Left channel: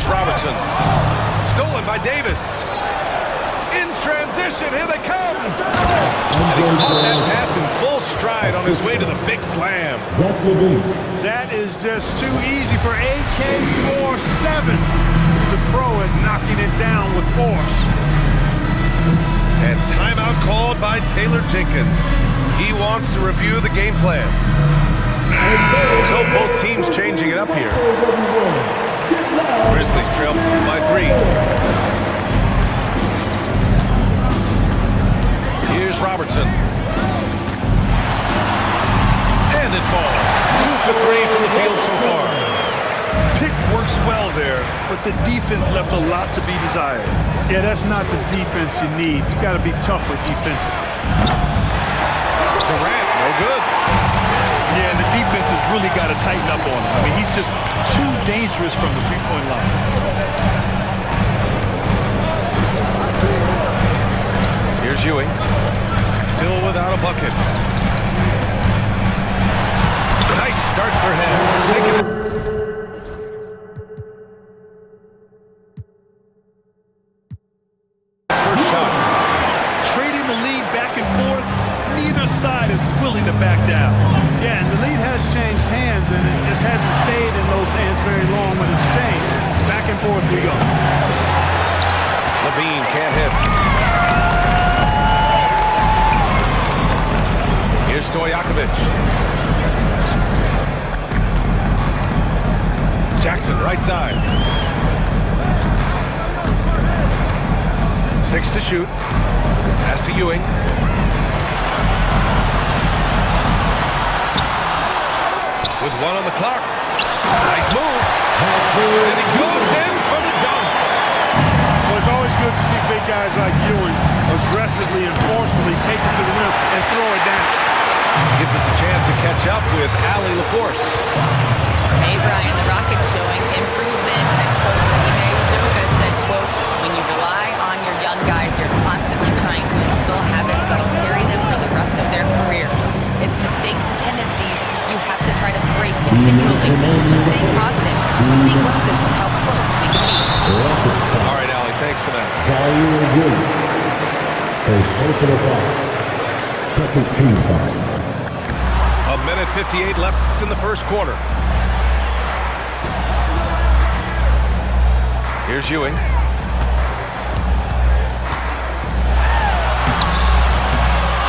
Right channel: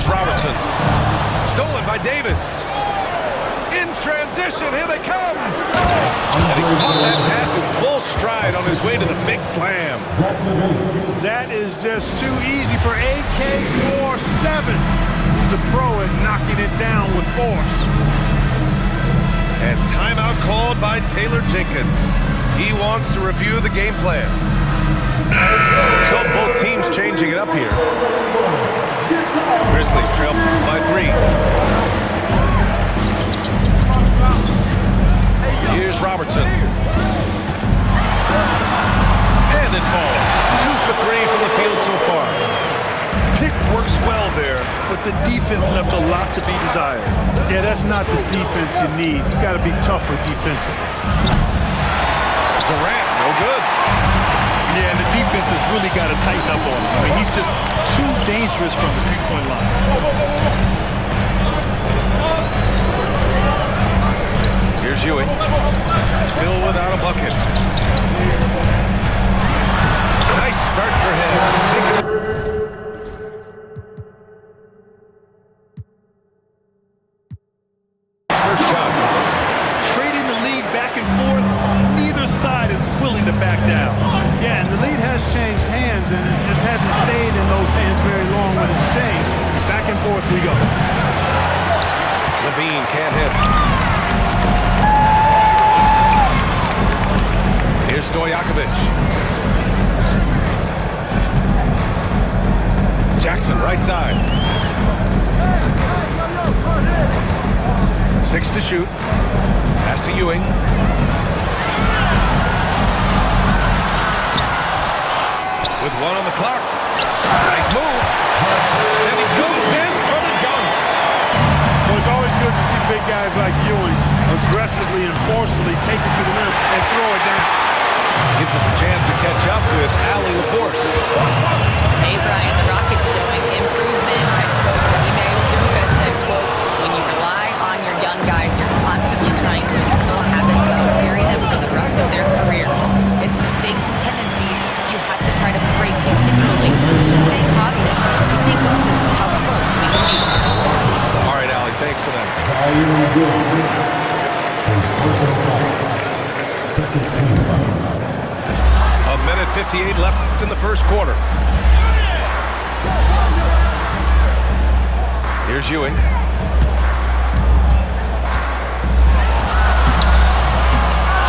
Here's Robertson. Stolen by Davis. In transition, here they come. And he caught that pass in full stride on his way to the big slam. That is just too easy for AK-47. He's a pro at knocking it down with force. And timeout called by Taylor Jenkins. He wants to review the game plan. So both teams changing it up here. Grizzlies trail by 3. Here's Robertson. And it falls. 2 for 3 from the field so far. Pick works well there, but the defense left a lot to be desired. Yeah, that's not the defense you need. You got to be tougher defensively. Durant, no good. Yeah, and the defense has really got to tighten up on him. I mean, he's just too dangerous from the three-point line. Here's Ewing. Still without a bucket. Nice start for him. Taking it. First shot. Trading the lead back and forth, neither side is willing to back down. Yeah, and the lead has changed hands, and it just hasn't stayed in those hands very long when it's changed. Back and forth we go. Levine can't hit. Here's Stojakovic. Jackson, right side. 6 to shoot. Pass to Ewing. With 1 on the clock. Nice move. And he goes in for the dunk. Well, it's always good to see big guys like Ewing aggressively and forcefully take it to the rim and throw it down. Gives us a chance to catch up with Allie LaForce. Hey, Brian, the Rockets showing improvement. Head coach Ime Udoka said, quote, when you rely on your young guys, you're constantly trying to instill habits that will carry them for the rest of their careers. It's mistakes and tendencies you have to try to break continually. Just stay positive. We see glimpses of how close we can be. All right, Allie, thanks for that. First personal foul. Second team foul. 1:58 left in the first quarter. Here's Ewing.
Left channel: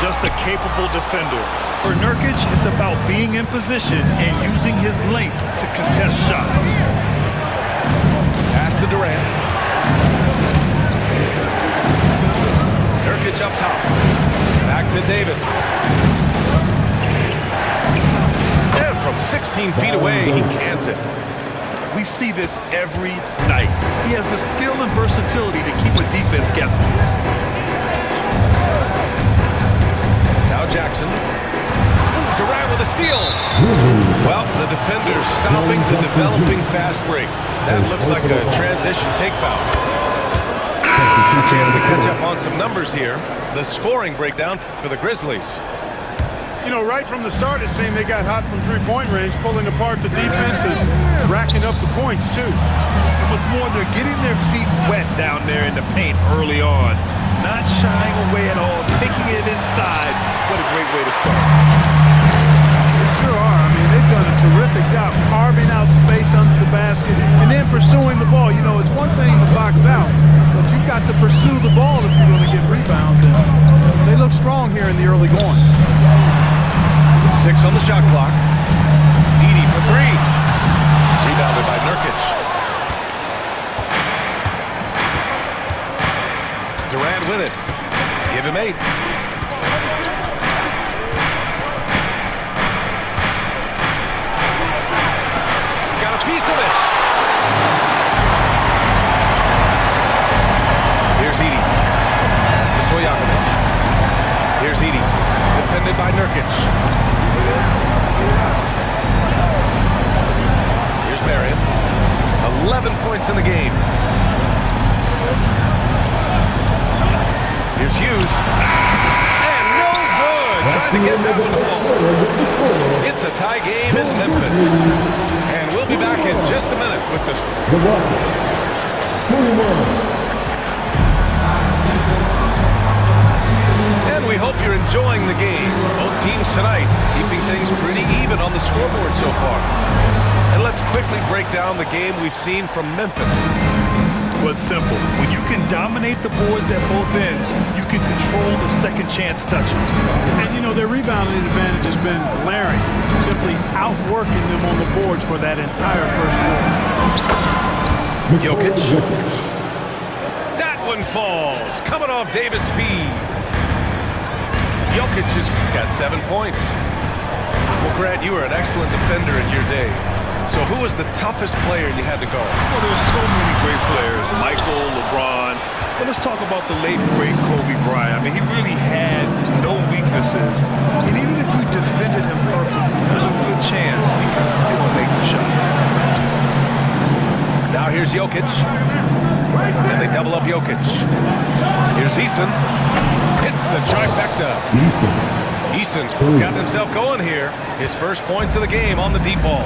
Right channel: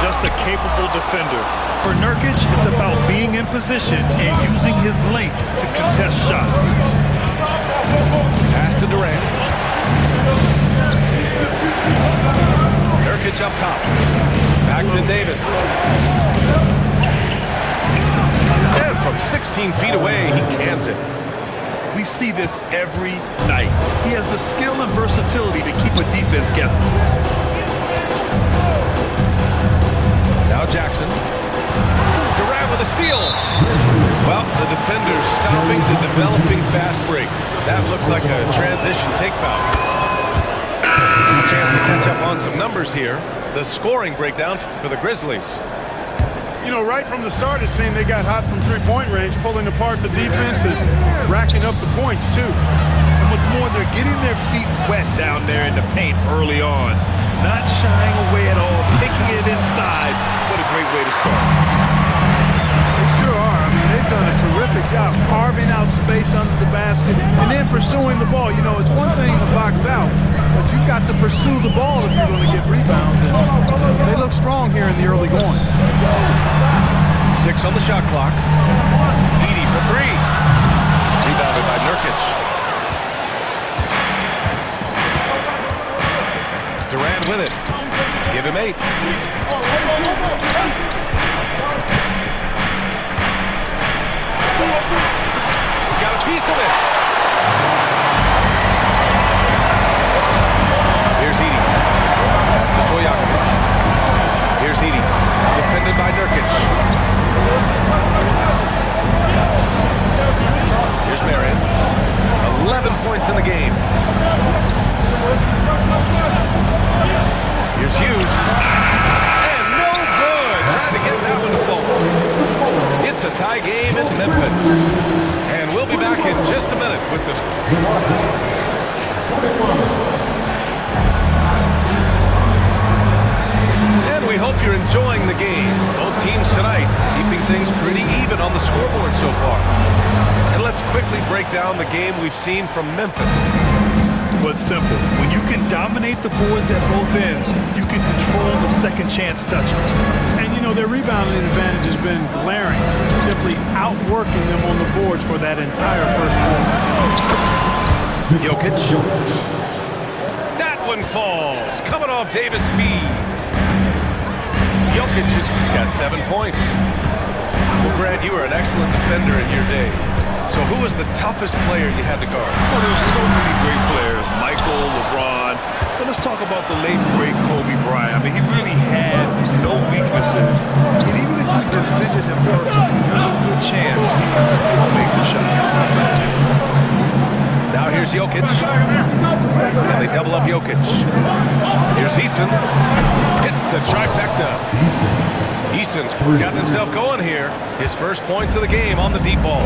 Just a capable defender. For Nurkic, it's about being in position and using his length to contest shots. Pass to Durant. Nurkic up top. Back to Davis. And from 16 feet away, he cans it. We see this every night. He has the skill and versatility to keep a defense guessing. Now Jackson. Durant with a steal. Well, the defender's stopping the developing fast break. That looks like a transition take foul. A chance to catch up on some numbers here. The scoring breakdown for the Grizzlies. You know, right from the start, it seemed they got hot from three-point range, pulling apart the defense and racking up the points, too. And what's more, they're getting their feet wet down there in the paint early on. Not shying away at all, taking it inside. What a great way to start. They sure are. I mean, they've done a terrific job carving out space under the basket and then pursuing the ball. You know, it's one thing to box out, but you've got to pursue the ball if you're going to get rebounds. And they look strong here in the early going. 6 on the shot clock. Edey for 3. Rebounded by Nurkic. Durant with it. Give him 8. Got a piece of it. Here's Edey. Pass to Stojakovic. Here's Edey. Defended by Nurkic. Here's Marion. 11 points in the game. Here's Hughes. And no good. Trying to get that one to fall. It's a tie game in Memphis. And we'll be back in just a minute with the Rockets, 21. And we hope you're enjoying the game. Both teams tonight keeping things pretty even on the scoreboard so far. And let's quickly break down the game we've seen from Memphis. Well, it's simple. When you can dominate the boards at both ends, you can control the second chance touches. And, you know, their rebounding advantage has been glaring, simply outworking them on the boards for that entire first quarter. Jokic. That one falls. Coming off Davis' feed. Jokic has got 7 points. Well, Grant, you were an excellent defender in your day. So who was the toughest player you had to guard? Well, there were so many great players. Michael, LeBron. But let's talk about the late, great Kobe Bryant. I mean, he really had no weaknesses. And even if you defended him perfectly, there's a good chance he can still make the shot. Now here's Jokic. And they double up Jokic. Here's Easton. Hits the trifecta. Easton's got himself going here. His first points of the game on the deep ball.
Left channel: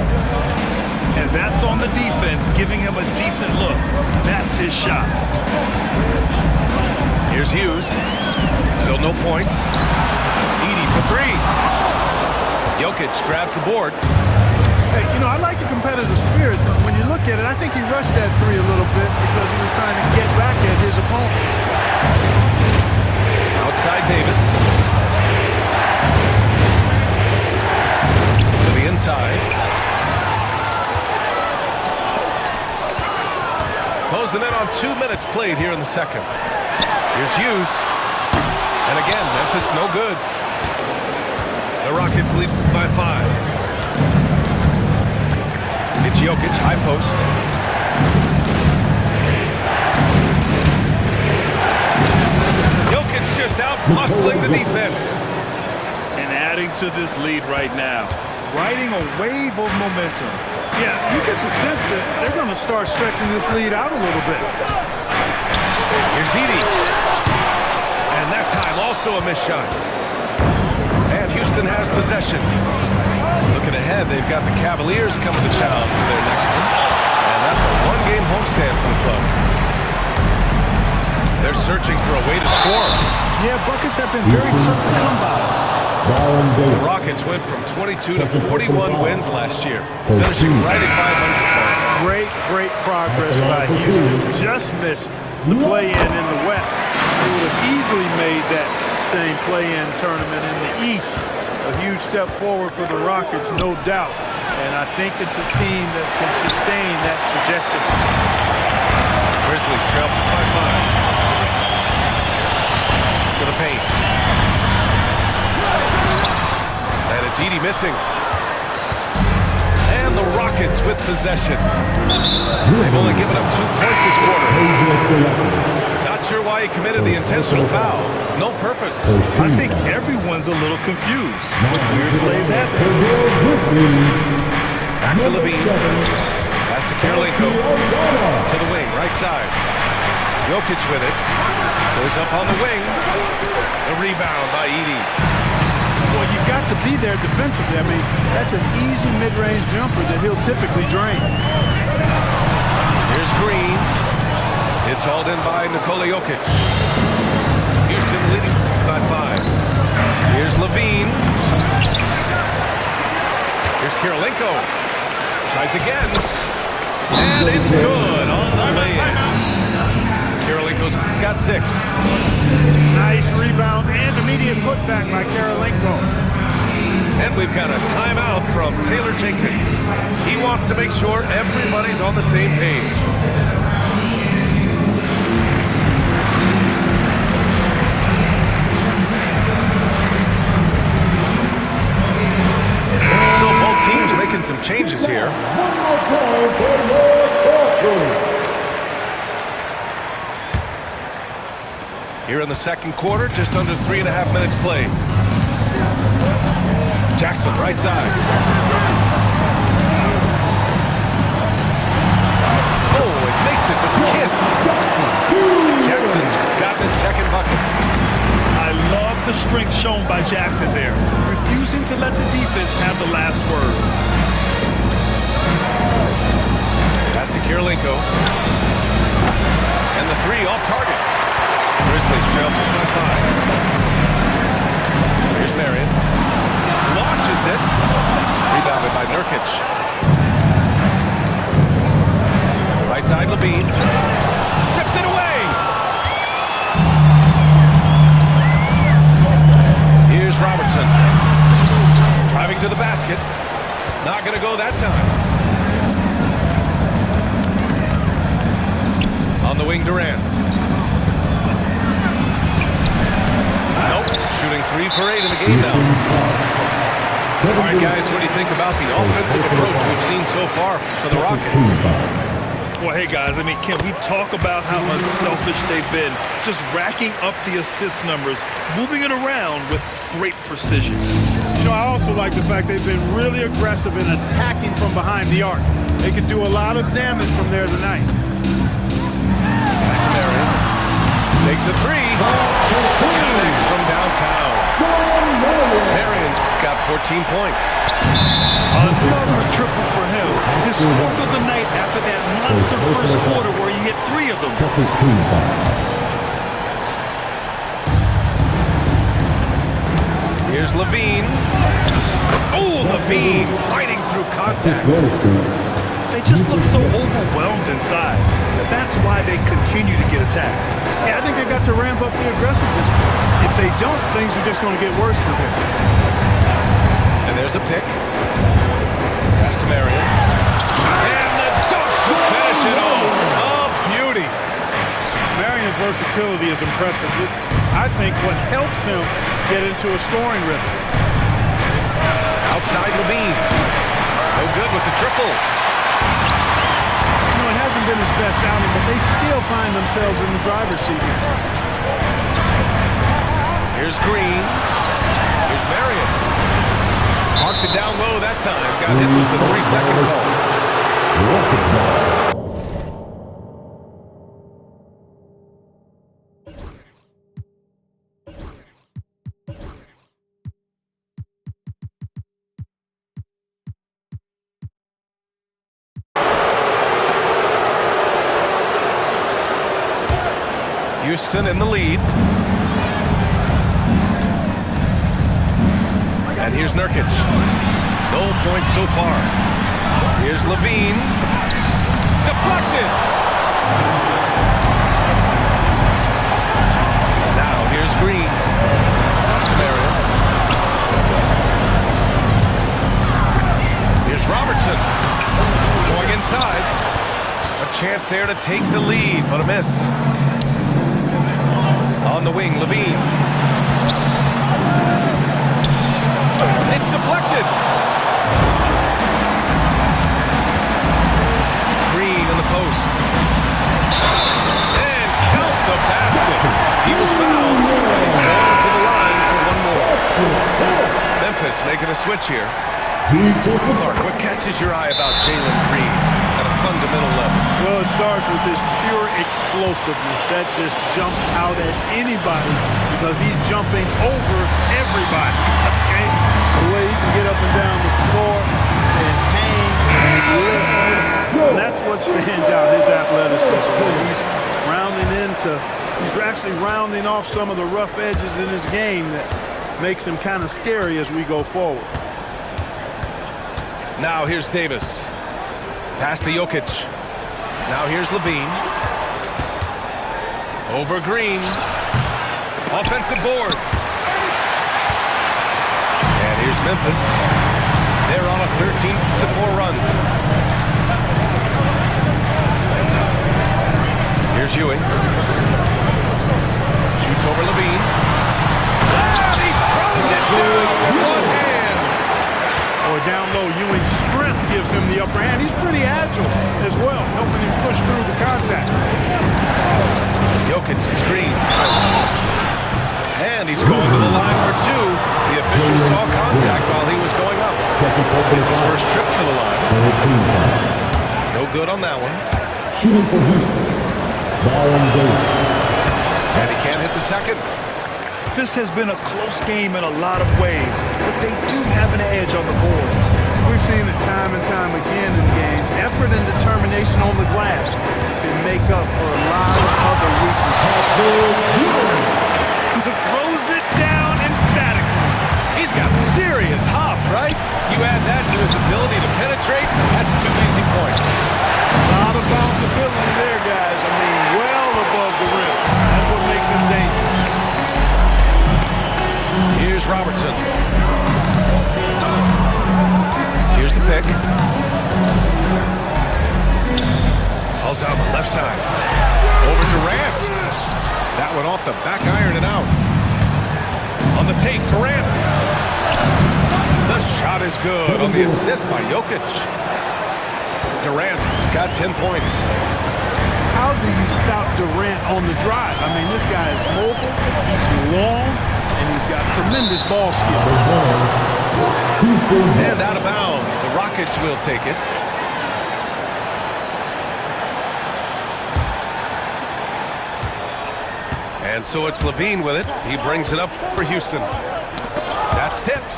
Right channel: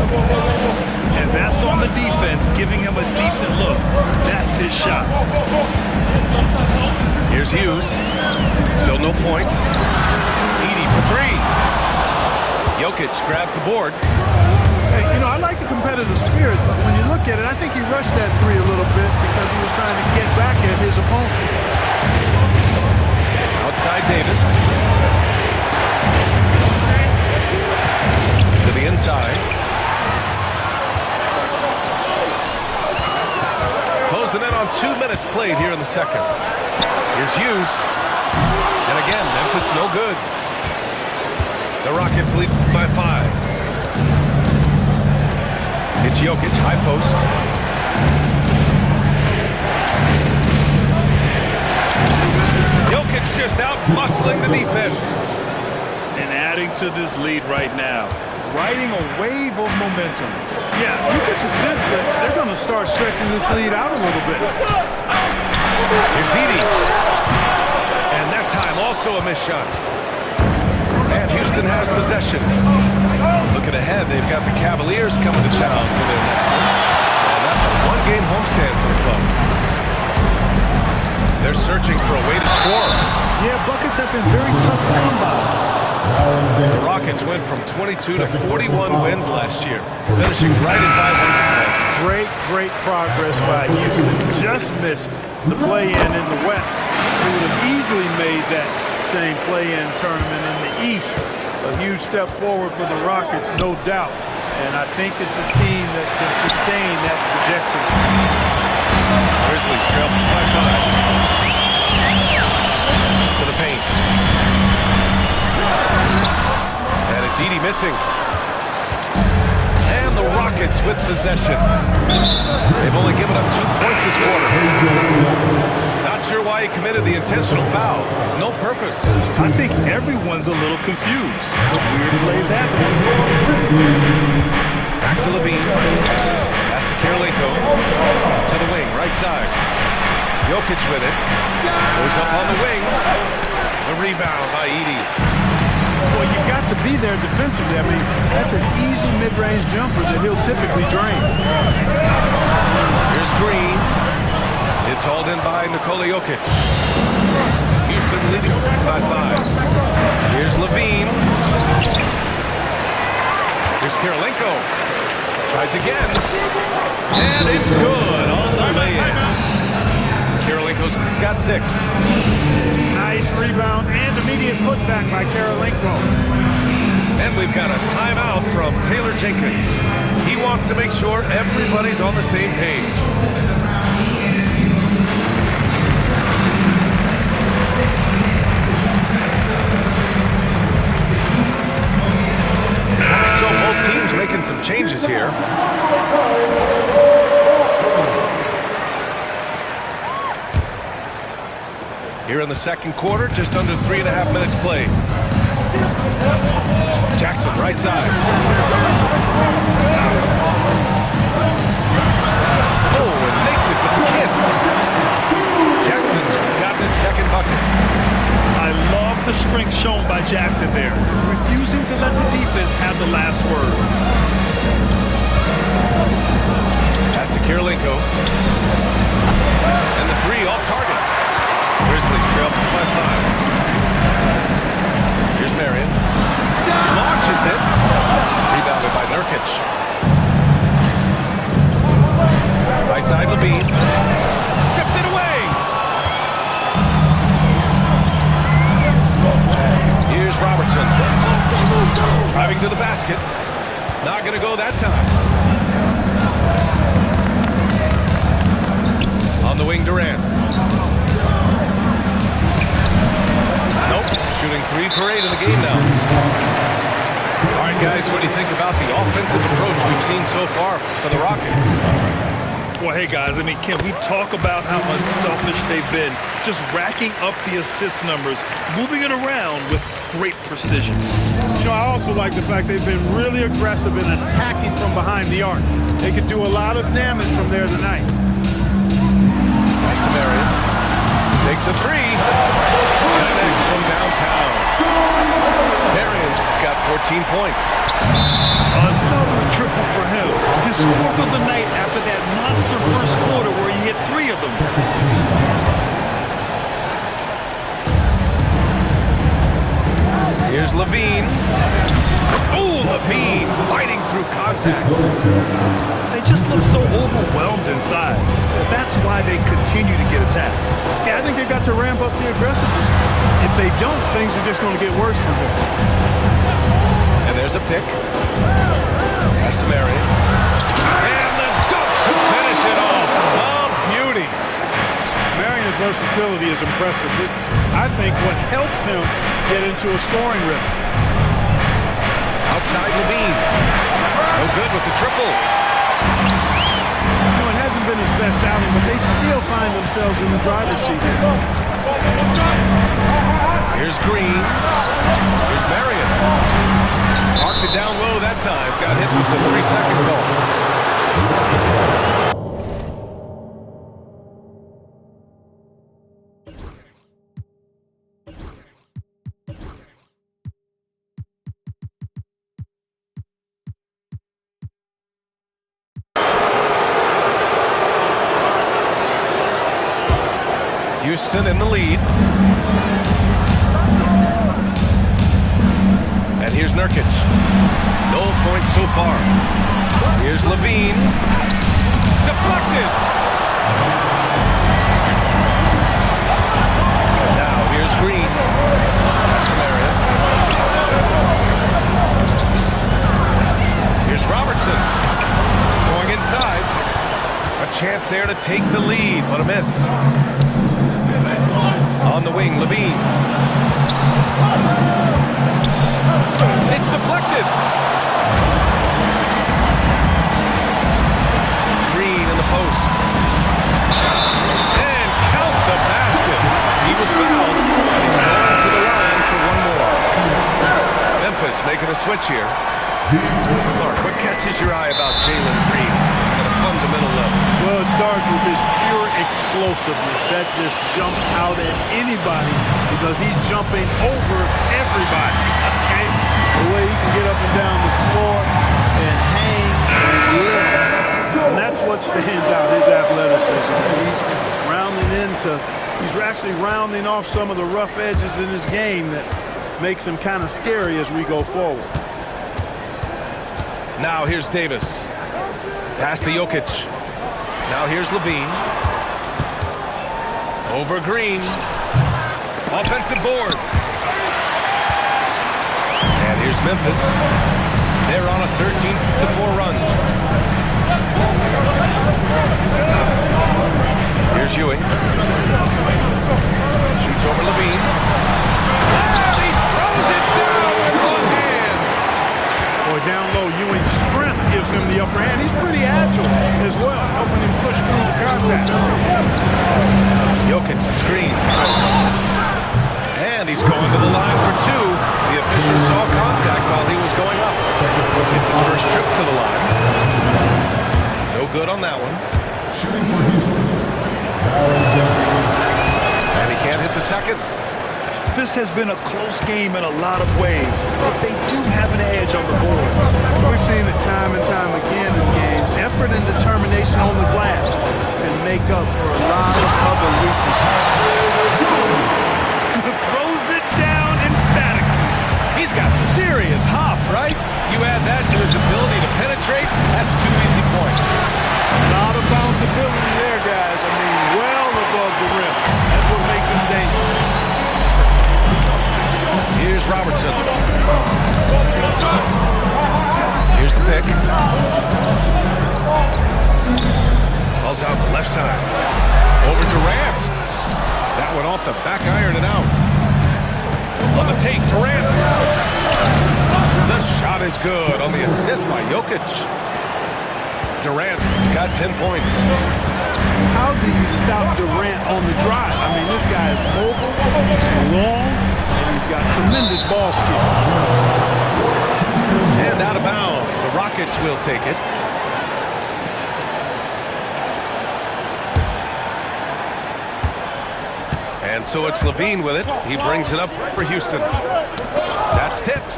And that's on the defense, giving him a decent look. That's his shot. Here's Hughes. Still no points. Edey for three. Jokic grabs the board. Hey, you know, I like the competitive spirit, but when you look at it, I think he rushed that three a little bit because he was trying to get back at his opponent. Outside Davis. To the inside. Close the net on 2 minutes played here in the second. Here's Hughes. And again, Memphis no good. The Rockets lead by 5. It's Jokic, high post. Jokic just out muscling the defense. And adding to this lead right now. Riding a wave of momentum. Yeah, you get the sense that they're going to start stretching this lead out a little bit. Here's Edey. And that time also a missed shot. And Houston has possession. Looking ahead, they've got the Cavaliers coming to town for their next one. And that's a one-game homestand for the club. They're searching for a way to score. Yeah, buckets have been very tough to come by. The Rockets went from 22 to 41 wins last year, finishing right at 500. Great progress by Houston. Just missed the play-in in the West. They would have easily made that same play-in tournament in the East. A huge step forward for the Rockets, no doubt. And I think it's a team that can sustain that trajectory. Grizzlies trail by 5. To the paint. And it's Edey missing. And the Rockets with possession. They've only given up 2 points this quarter. Not sure why he committed the intentional foul. No purpose. I think everyone's a little confused. But weird plays happen. Back to Levine. Pass to Kirilenko. To the wing, right side. Jokic with it. Goes up on the wing. The rebound by Edey. Well, you've got to be there defensively. I mean, that's an easy mid-range jumper that he'll typically drain. Here's Green. It's hauled in by Nikola Jokic. Houston leading by 5. Here's Levine. Here's Kirilenko. Tries again. And it's good on the lay-in. Kirilenko's got 6. Nice rebound and immediate putback by Kirilenko. And we've got a timeout from Taylor Jenkins. He wants to make sure everybody's on the same page. So both teams making some changes here. Here in the second quarter, just under 3.5 minutes played. Jackson, right side. Oh, and makes it with the kiss. Jackson's got his second bucket. I love the strength shown by Jackson there, refusing to let the defense have the last word. Pass to Kirilenko. And the three off target. Grizzlies trail by 5. Here's Marion. Launches it. Rebounded by Nurkic. Right side, Levine. Stripped it away. Here's Robertson. Driving to the basket. Not going to go that time. On the wing, Durant. Nope. Shooting 3 for 8 in the game now. All right, guys, what do you think about the offensive approach we've seen so far for the Rockets? Well, hey, guys, I mean, can we talk about how unselfish they've been? Just racking up the assist numbers, moving it around with great precision. You know, I also like the fact they've been really aggressive in attacking from behind the arc. They could do a lot of damage from there tonight. Pass to Marion. Takes a three. Connects from downtown. Marion's got 14 points. Another triple for him. His 4th of the night after that monster first quarter where he hit 3 of them. Second team foul. Here's Levine. Oh, Levine fighting through contact. They just look so overwhelmed inside. That's why they continue to get attacked. Yeah, I think they've got to ramp up the aggressiveness. If they don't, things are just going to get worse from here. And there's a pick. Pass to Marion. And the dunk to finish it off. A beauty. Marion's versatility is impressive. It's, I think, what helps him get into a scoring rhythm. Outside Levine. No good with the triple. You know, it hasn't been his best outing, but they still find themselves in the driver's seat here. Here's Green. Here's Marion. Marked it down low that time. Got hit with the 3-second call. Rockets ball. Houston in the lead. And here's Nurkic. No points so far. Here's Levine. Deflected. Now here's Green. Pass to Marion. Here's Robertson. Going inside. A chance there to take the lead, but a miss. On the wing, Levine. It's deflected. Green in the post. And count the basket. He was fouled, and he's going to the line for one more. Memphis making a switch here. Clark, what catches your eye about Jalen Green at a fundamental level? Well, it starts with his pure explosiveness. That just jumps out at anybody because he's jumping over everybody. Okay? The way he can get up and down the floor and hang and lift. And that's what stands out, his athleticism. And he's actually rounding off some of the rough edges in his game that makes him kind of scary as we go forward. Now here's Davis. Pass to Jokic. Now here's Levine. Over Green. Offensive board. And here's Memphis. They're on a 13-4 run. Here's Ewing. Shoots over Levine. And he throws it down with one hand. Boy, down low, Ewing's strength gives him the upper hand. He's pretty agile as well, helping him push through the contact. Jokic, the screen. And he's going to the line for two. The official saw contact while he was going up. It's his first trip to the line. No good on that one. Shooting for Houston. Baron Davis. And he can't hit the second. This has been a close game in a lot of ways, but they do have an edge on the boards. We've seen it time and time again in games. Effort and determination on the glass can make up for a lot of other weaknesses. Throws it down emphatically. He's got serious hop, right? You add that to his ability to penetrate, that's 2 easy points. A lot of bounceability there, guys. I mean, well above the rim. That's what makes him dangerous. Here's Robertson. Here's the pick. All down the left side. Over Durant. That one off the back iron and out. On the take, Durant. The shot is good on the assist by Jokic. Durant got 10 points. How do you stop Durant on the drive? I mean, this guy is mobile, he's long, and he's got tremendous ball skills. And out of bounds. The Rockets will take it. And so it's Levine with it. He brings it up for Houston. That's tipped.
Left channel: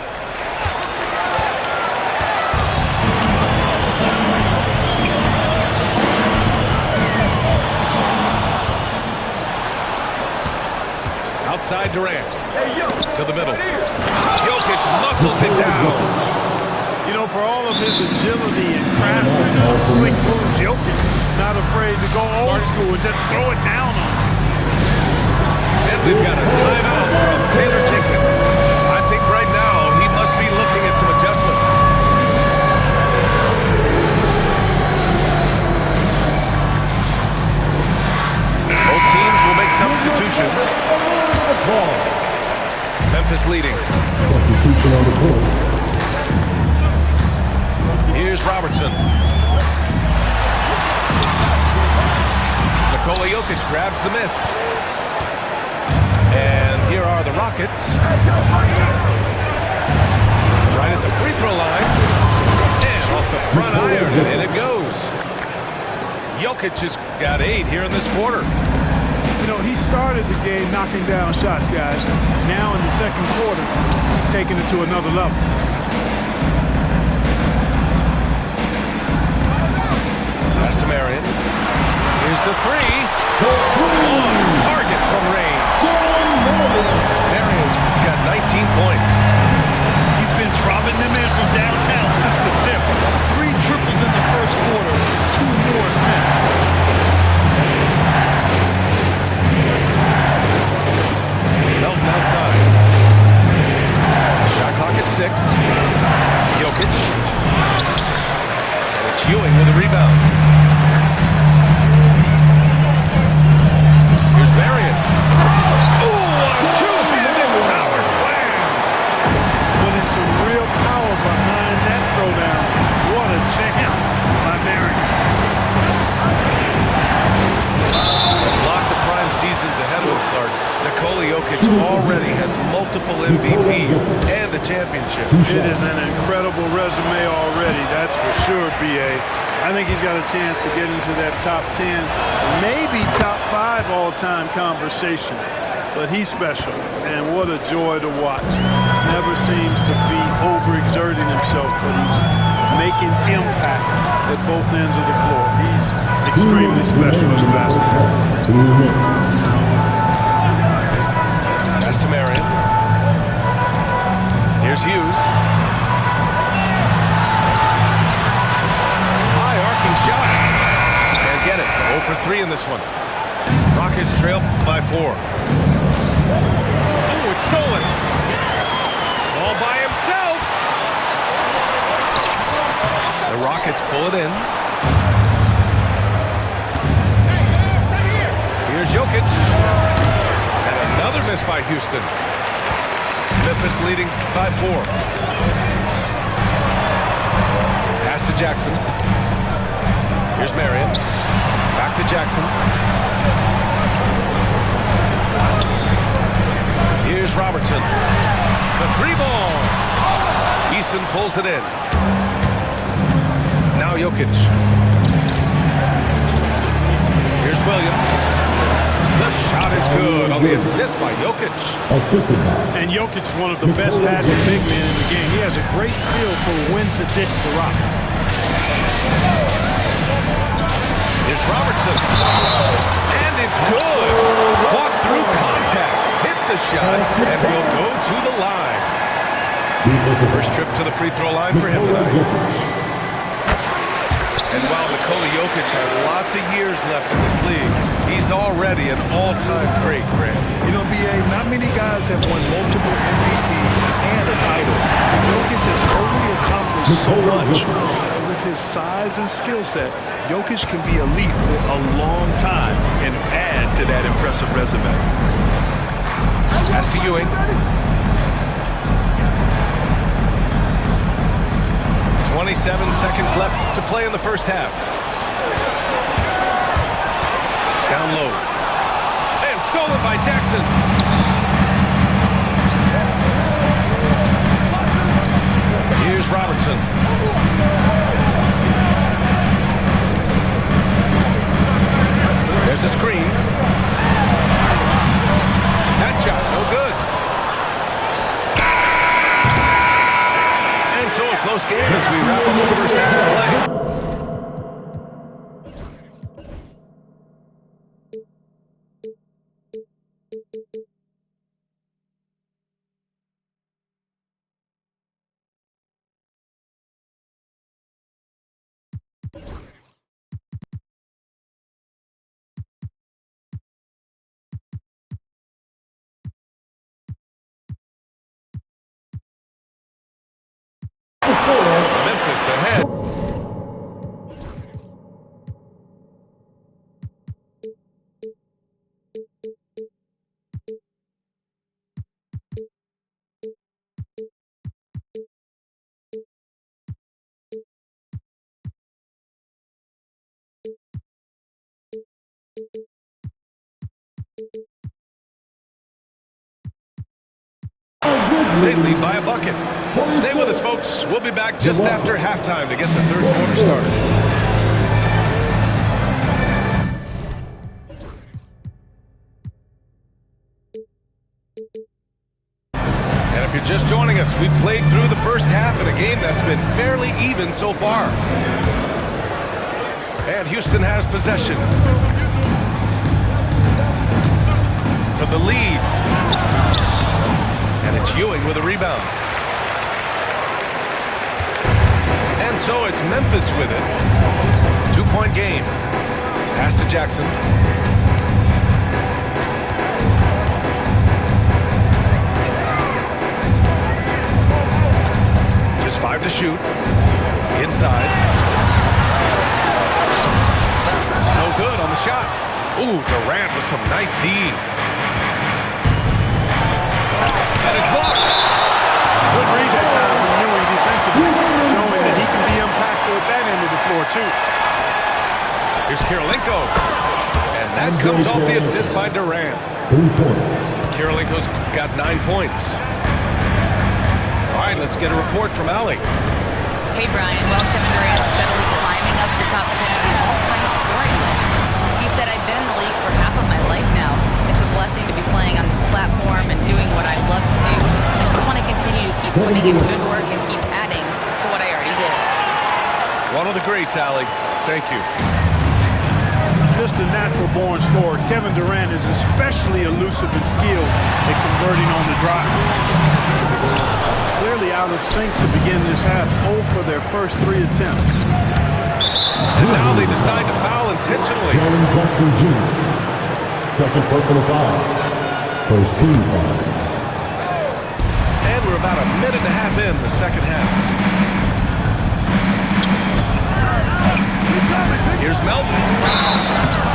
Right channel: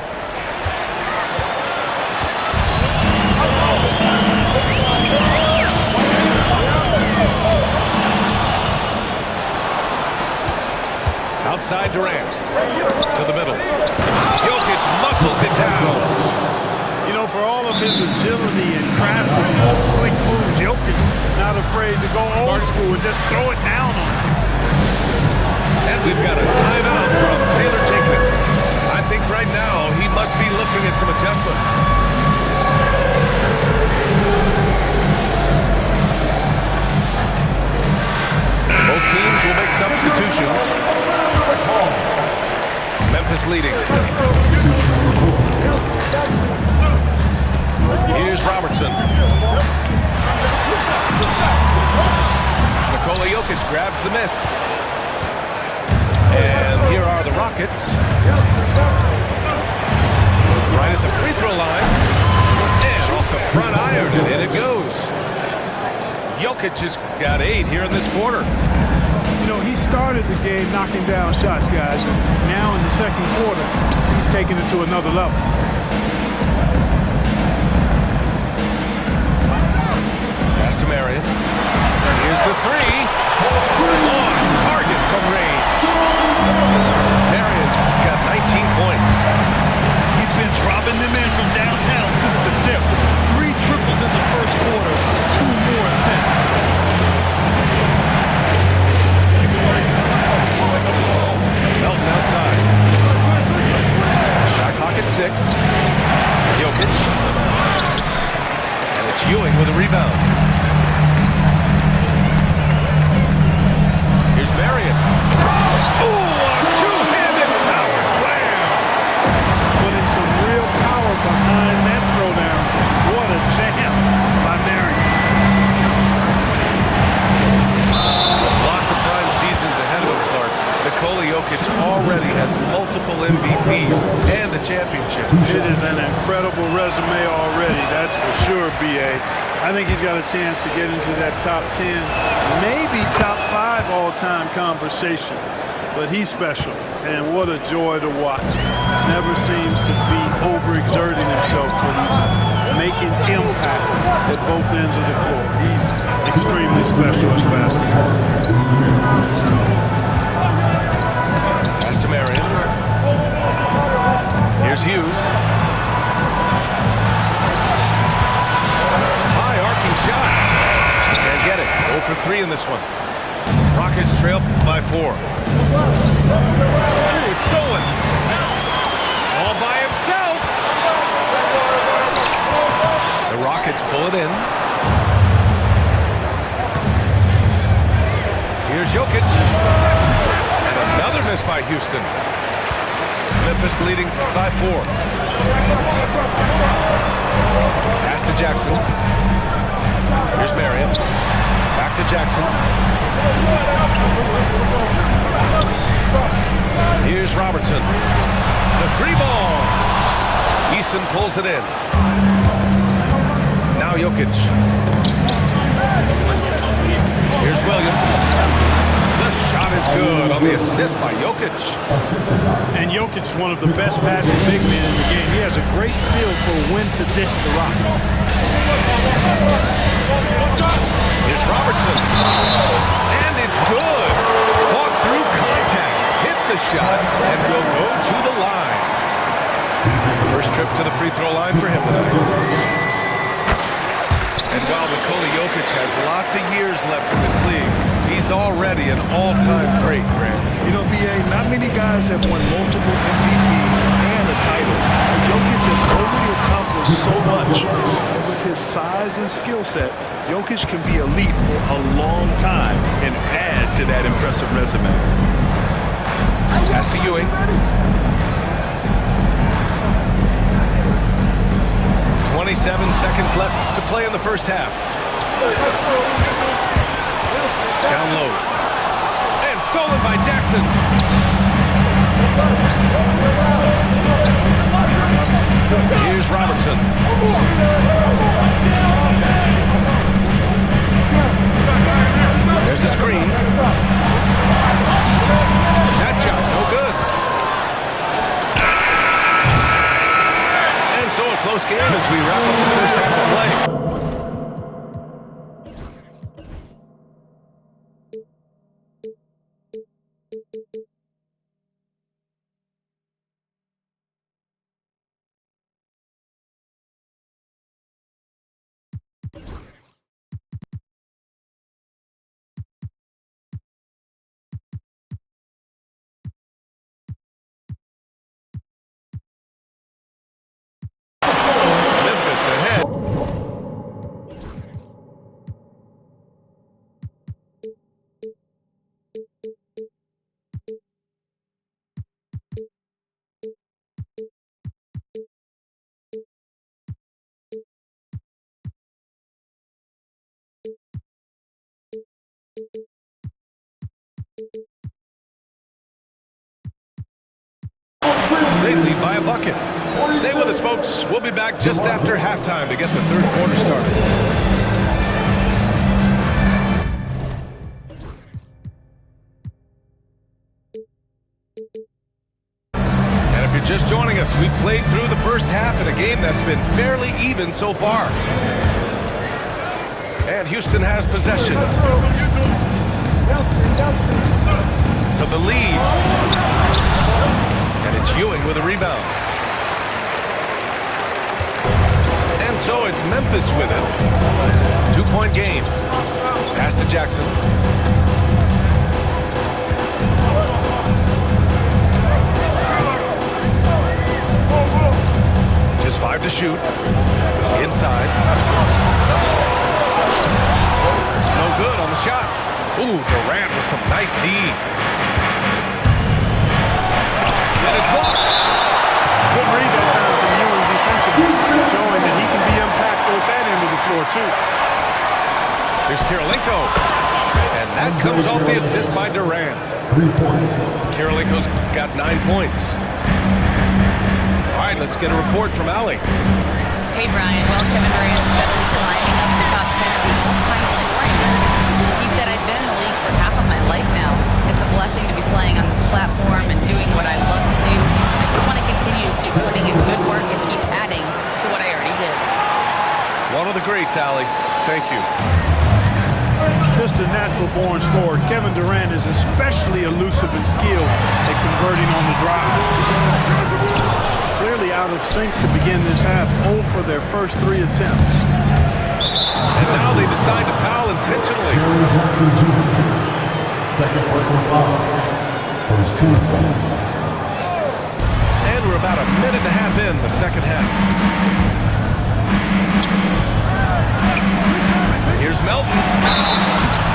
Outside Durant. To the middle. Jokic muscles it down. You know, for all of his agility and craftiness and slick moves, Jokic not afraid to go old school and just throw it down on him. And we've got a timeout from Taylor Jenkins. I think right now he must be looking at some adjustments. Both teams will make substitutions. Memphis leading. Here's Robertson. Nikola Jokic grabs the miss. And here are the Rockets. Right at the free throw line. And off the front iron, and in it goes. Jokic has got 8 here in this quarter. You know, he started the game knocking down shots, guys, and now in the second quarter, he's taking it to another level. Pass to Marion. Here's the 3. On target from range. Marion's got 19 points. He's been dropping them in from downtown since the tip. 3 triples in the first quarter, 2 more since. Melton outside. Shot clock at 6. Jokic. And it's Ewing with a rebound. Here's Marion. Oh, a two-handed power slam. Putting some real power behind that throwdown. What a jam by Marion. With lots of prime seasons ahead of him, Clark, Nikola Jokic already has multiple MVPs and a championship. It is an incredible resume already, that's for sure, B.A. I think he's got a chance to get into that top 10, maybe top 5 all-time conversation. But he's special, and what a joy to watch. Never seems to be overexerting himself, but he's making impact at both ends of the floor. He's extremely special as a basketball. Pass to Marion. Here's Hughes. High arcing shot. Can't get it. 0 for 3 in this one. Rockets trail by 4. Oh, it's stolen. All by himself. The Rockets pull it in. Here's Jokic. And another miss by Houston. Memphis leading by 4. Pass to Jackson. Here's Marion. Back to Jackson. Here's Robertson. The 3 ball. Eason pulls it in. Now Jokic. Here's Williams. The shot shot is good on the assist by Jokic. Assisted by And Jokic is one of the best passing big men in the game. He has a great feel for when to dish the rock. Here's Robertson. And it's good. Fought through contact. Hit the shot and will go to the line. First trip to the free throw line for him tonight. And while Nikola Jokic has lots of years left in this league, he's already an all-time great, Grant. You know, B.A., not many guys have won multiple MVPs and a title. But Jokic has already accomplished so much. And with his size and skill set, Jokic can be elite for a long time and add to that impressive resume. Pass to Ewing. 27 seconds left to play in the first half. Down low. And stolen by Jackson. Here's Robertson. There's a screen. That shot, no good. And so a close game as we wrap up the first half of play. Memphis ahead. They lead by a bucket. Stay with us, folks. We'll be back just after halftime to get the third quarter started. And if you're just joining us, we've played through the first half in a game that's been fairly even so far. And Houston has possession. For the lead. And it's Ewing with a rebound. And so it's Memphis with it. 2-point game. Pass to Jackson. Just 5 to shoot. Inside. No good on the shot. Ooh, Durant with some nice D. And it's blocked. Good read that time from Ewing defensively, showing that he can be impactful at that end of the floor, too. Here's Kirilenko. And that comes off the assist by Durant. 3 points. Kirilenko's got 9 points. All right, let's get a report from Allie. Hey, Brian. Well, Kevin Durant steadily climbing up the top 10 of the all-time scoring list. He said, I've been in the league for half of my life now. It's a blessing to be playing on this platform and doing what I love to do. I just want to continue to keep putting in good work and keep adding to what I already did. One of the greats, Allie. Thank you. Just a natural-born scorer, Kevin Durant is especially elusive and skilled at converting on the drive. Clearly out of sync to begin this half, 0 for their first 3 attempts. And now they decide to foul intentionally. Jaren Jackson Jr. Second personal foul. First team foul. And we're about a minute and a half in the second half. Here's Melton.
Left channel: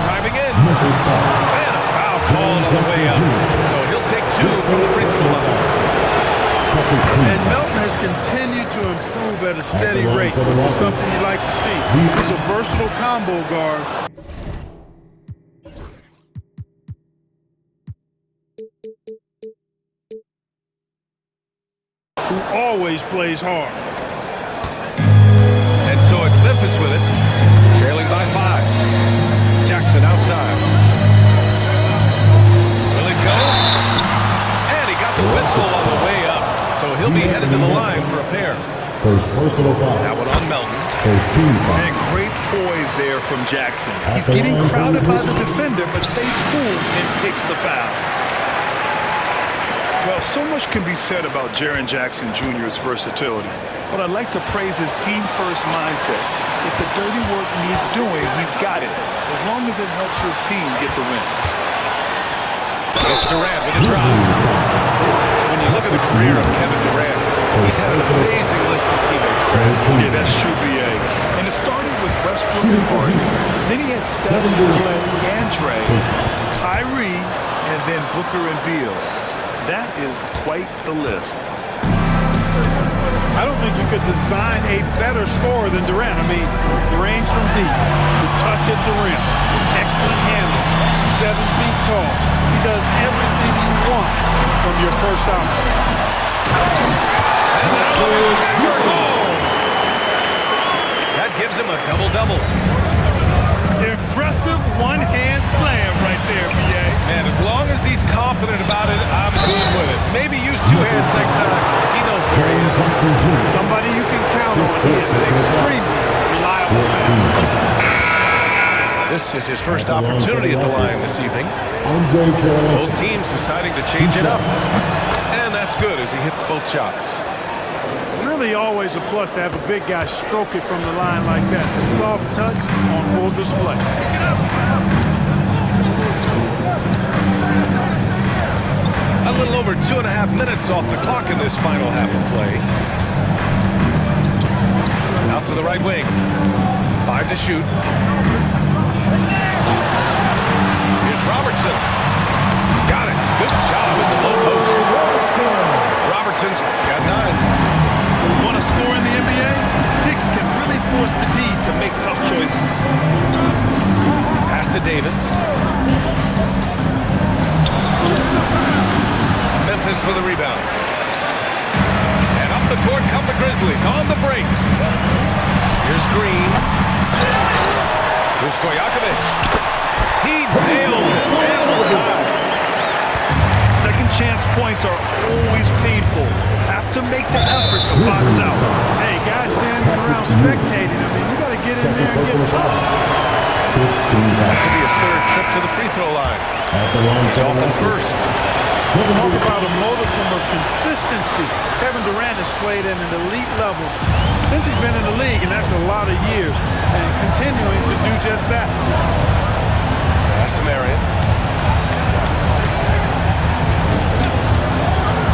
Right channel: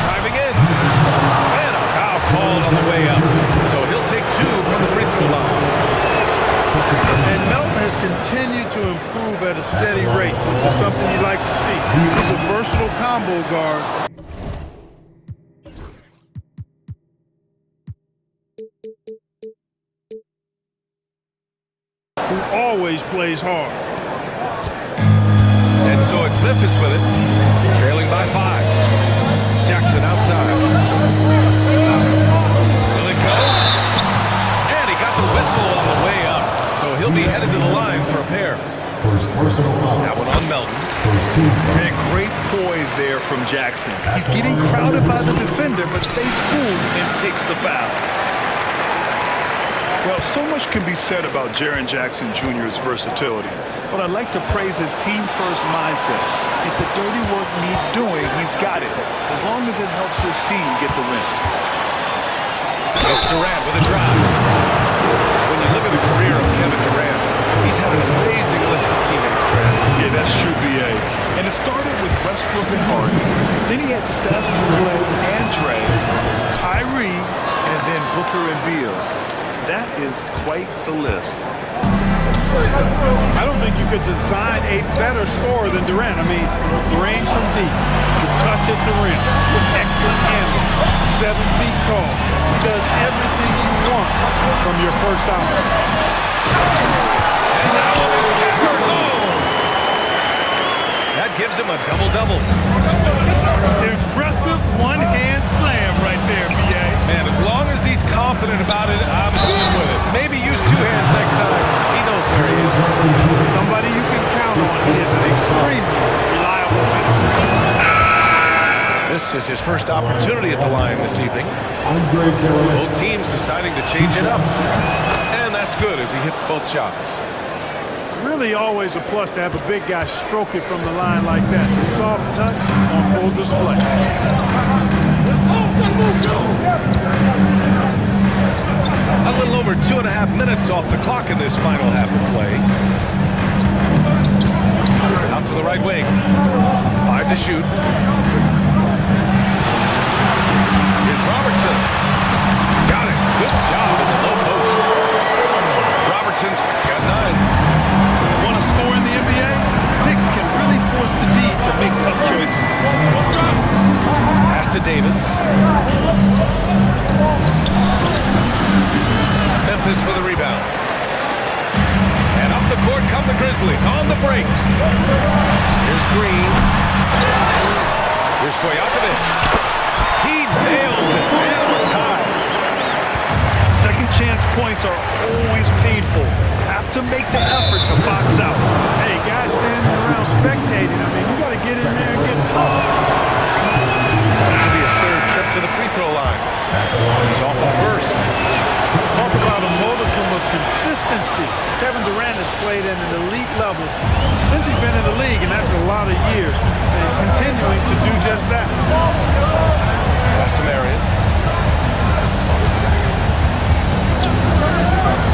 Driving in. And a foul called on the way up. So he'll take 2 from the free throw line. And Melton has continued to improve at a steady rate, which is something you like to see. He's a versatile combo guard. Who always plays hard. And so it's Memphis with it, trailing by 5. Jackson outside. whistle on the way up, so he'll be headed to the line for a pair. First personal foul. That one on Melton. First team foul. And great poise there from Jackson. He's getting crowded by the defender, but stays cool and takes the foul. Well, so much can be said about Jaren Jackson Jr.'s versatility, but I'd like to praise his team-first mindset. If the dirty work needs doing, he's got it, as long as it helps his team get the win. It's Durant with a drive. When you look at the career of Kevin Durant, he's had an amazing list of teammates, Grant. Yeah, that's true, B.A. And it started with Westbrook and Harden. Then he had Steph, Clay, and Dre, Kyrie, and then Booker and Beal. That is quite the list. I don't think you could design a better scorer than Durant. I mean, the range from deep, the touch at the rim, excellent handle, 7 feet tall. He does everything you want from your first option. And that one is hammered home. That gives him a double-double. Impressive one-hand slam right there, B.A. Man, as long as he's confident about it, I'm good with it. Maybe use 2 hands next time. He knows where he is. Somebody you can count on. He is an extremely reliable finisher. This is his first opportunity at the line this evening. Andre Carolina. Both teams deciding to change it up. And that's good as he hits both shots. Really always a plus to have a big guy stroke it from the line like that. The soft touch on full display. A little over 2.5 minutes off the clock in this final half of play. Out to the right wing. 5 to shoot. Here's Robertson. Got it. Good job in the low post. Robertson's got 9. Want to score in the NBA? Hicks can really force the D to make tough choices. Pass to Davis. Memphis for the rebound. And up the court come the Grizzlies on the break. Here's Green. Here's Stojakovic. He nails it. And we're tied. Second chance points are always painful. Have to make the effort to box out. Hey, guys standing around spectating. I mean, you got to get in there and get tough. This will be his 3rd trip to the free throw line. He's off in the first. Talk about a modicum of consistency. Kevin Durant has played at an elite level since he's been in the league, and that's a lot of years, and continuing to do just that. Pass to Marion.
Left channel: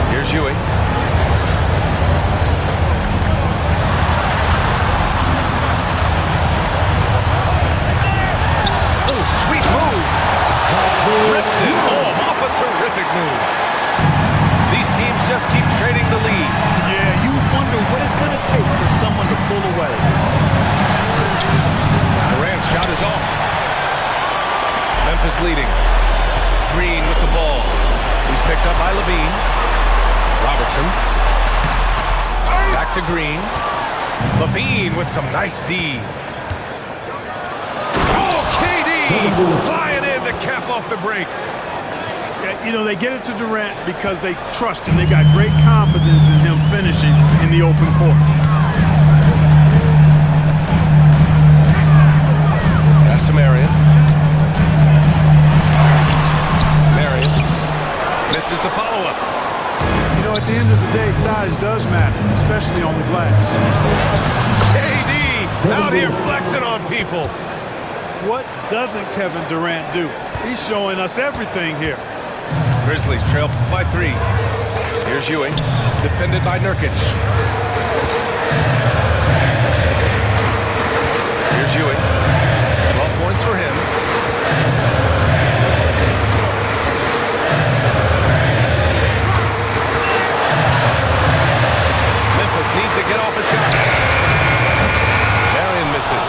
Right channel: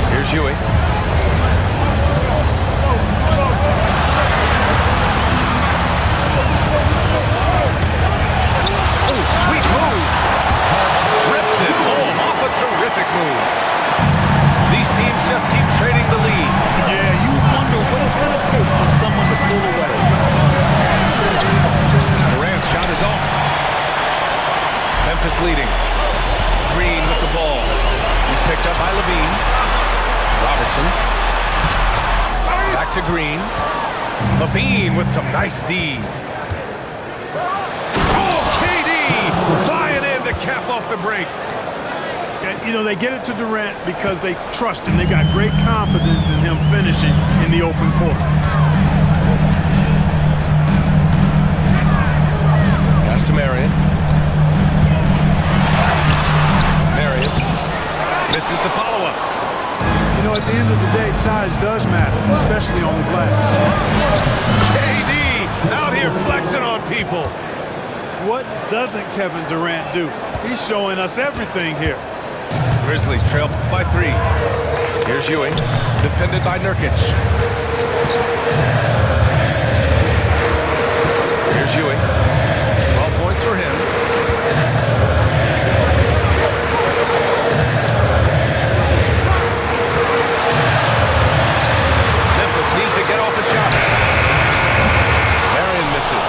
Here's Ewing. Oh, sweet move. Rips it home off a terrific move. These teams just keep trading the lead. Yeah, you wonder what it's going to take for someone to pull away. Durant's shot is off. Memphis leading. Green with the ball. He's picked up by Levine. Robertson. Back to Green. Levine with some nice D. Oh, KD flying in to cap off the break. You know, they get it to Durant because they trust him. They've got great confidence in him finishing in the open court. Pass to Marion. Marion misses the follow-up. You know, at the end of the day, size does matter, especially on the glass. KD out here flexing on people. What doesn't Kevin Durant do? He's showing us everything here. Grizzlies trail by 3. Here's Ewing, defended by Nurkic. Here's Ewing. 12 points for him. Memphis needs to get off a shot. Marion misses.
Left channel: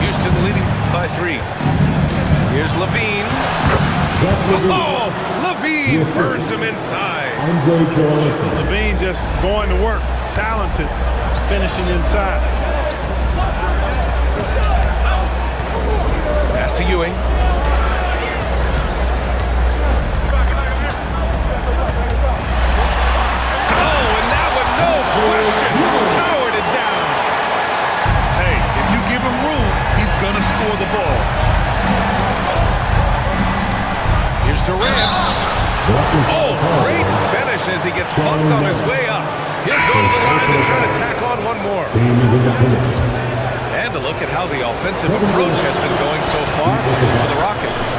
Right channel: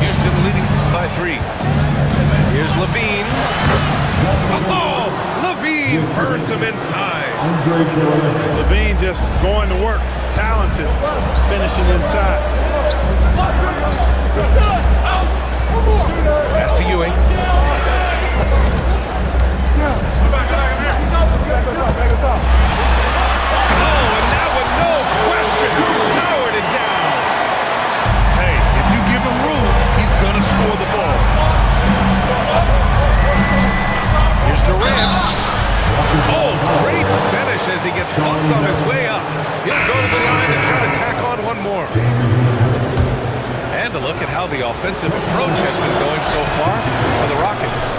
Houston leading by 3. Here's Levine. Oh, Levine burns him inside. Andre Carolina. Levine just going to work. Talented. Finishing inside. Pass to Ewing. no question, powered it down. Hey, if you give him room, he's going to score the ball. Here's Durant. Oh, great finish as he gets bumped on his way up. He'll go to the line and try to tack on one more. And a look at how the offensive approach has been going so far for the Rockets.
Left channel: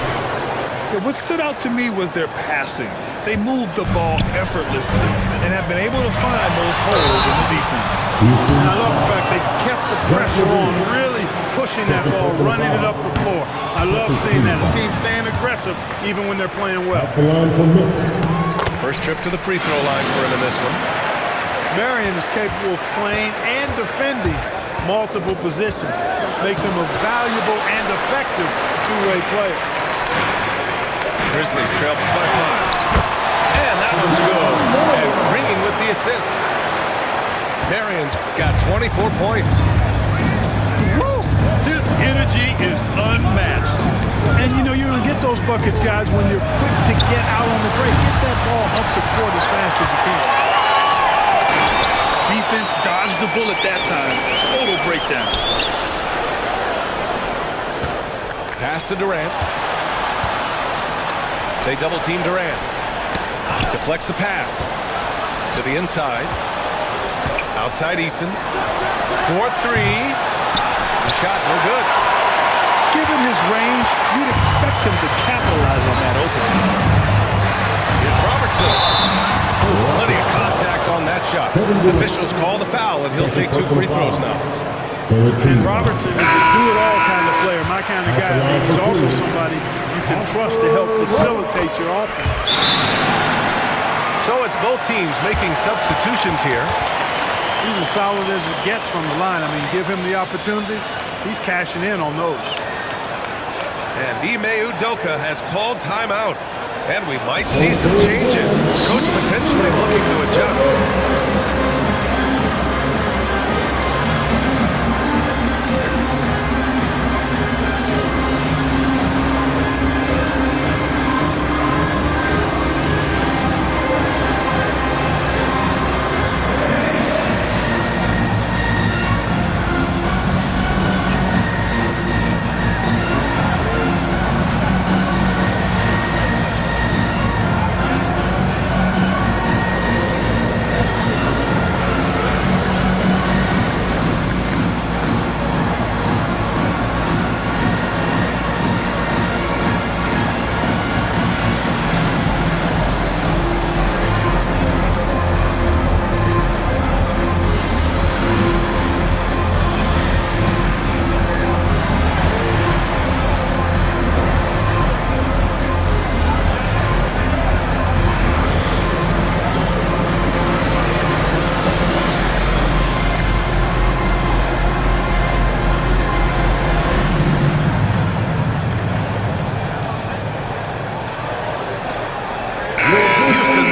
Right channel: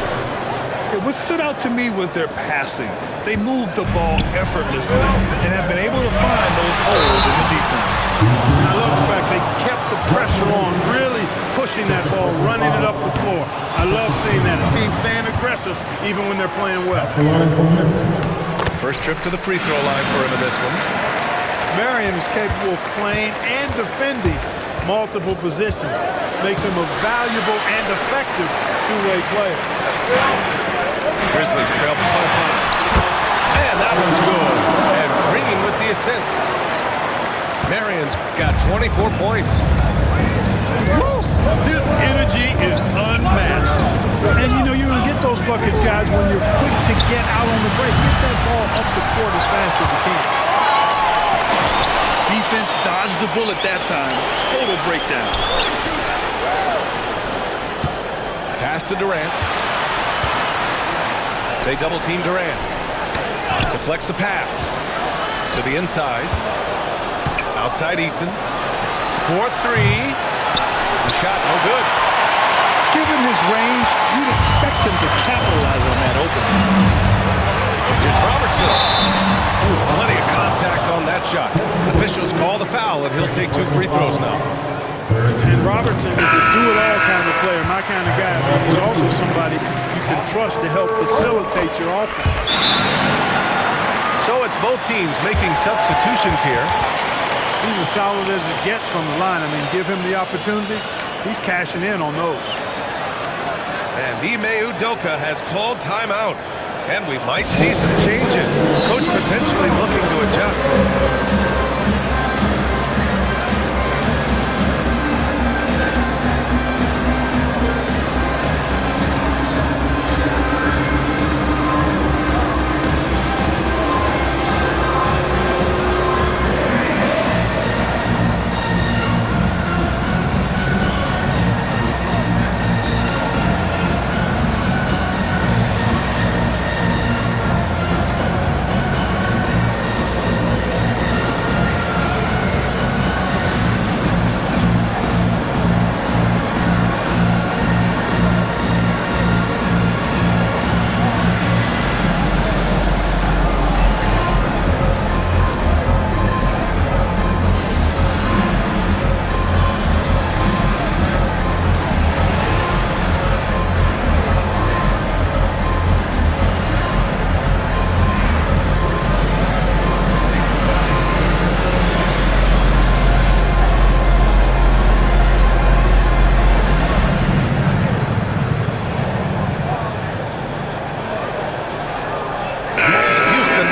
Yeah, what stood out to me was their passing. They moved the ball effortlessly and have been able to find those holes in the defense. And I love the fact they kept the pressure on, really pushing that ball, running it up the floor. I love seeing that. A team staying aggressive even when they're playing well. First trip to the free throw line for him in this one. Marion is capable of playing and defending multiple positions. Makes him a valuable and effective two-way player. Grizzlies trail by 5. And that one's good. And Green with the assist. Marion's got 24 points. Woo! His energy is unmatched. And you know you're going to get those buckets, guys, when you're quick to get out on the break. Get that ball up the court as fast as you can. Defense dodged the bullet that time. Total breakdown. Pass to Durant. They double-team Durant. Deflects the pass. To the inside. Outside Eason. 4-3. The shot no good. Given his range, you'd expect him to capitalize on that opening. Here's Robertson. Ooh, plenty of contact on that shot. Officials call the foul, and he'll take 2 free throws now. And Robertson is a do-it-all kind of player, my kind of guy. I mean, he's also somebody you can trust to help facilitate your offense. So it's both teams making substitutions here. He's as solid as it gets from the line. I mean, give him the opportunity, he's cashing in on those. And Ime Udoka has called timeout. And we might see some changes. Coach potentially looking to adjust.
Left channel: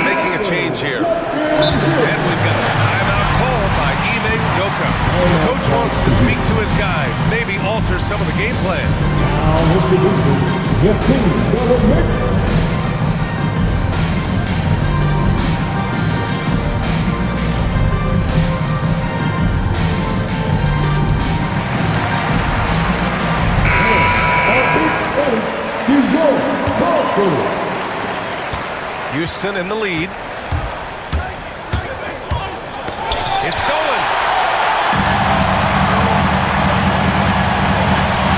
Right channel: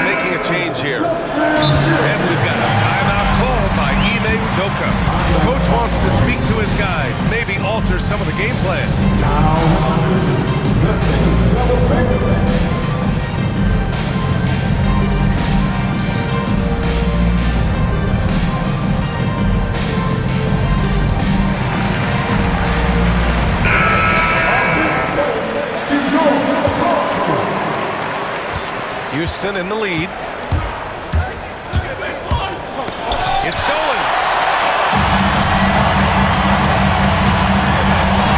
Making a change here. And we've got a timeout called by Ime Udoka. Coach wants to speak to his guys, maybe alter some of the game plan. Houston in the lead. It's stolen.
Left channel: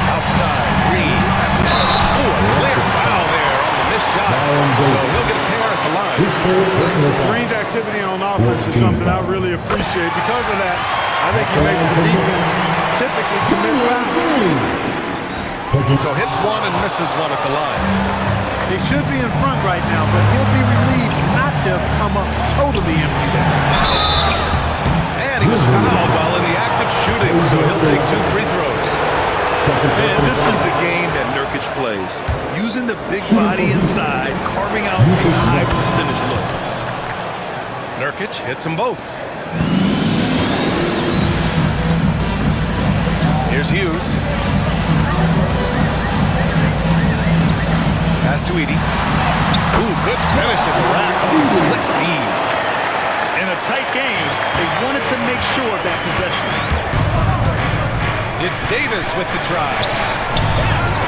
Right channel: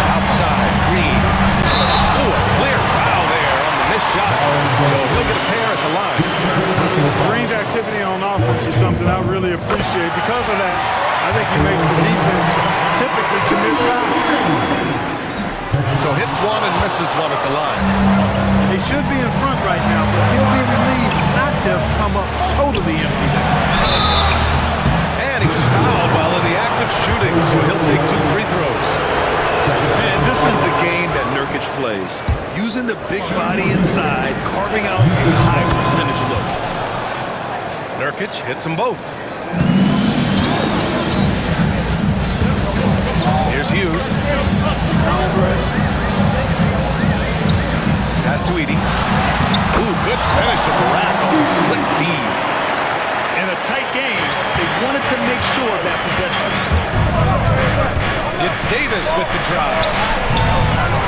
Outside, Green. Ooh, a clear foul there on the missed shot. So he'll get a pair at the line. Green's activity on offense is something I really appreciate. Because of that, I think he makes the defense typically commit fouls. So hits one and misses one at the line. They should be in front right now, but he'll be relieved not to have come up totally empty there. And he was fouled while in the act of shooting, so he'll take 2 free throws. Man, this is the game that Nurkic plays. Using the big body inside, carving out a high percentage look. Nurkic hits them both. Here's Hughes. Pass to Edey. Ooh, good finish at the rack on the slick feed. In a tight game, they wanted to make sure of that possession. It's Davis with the drive.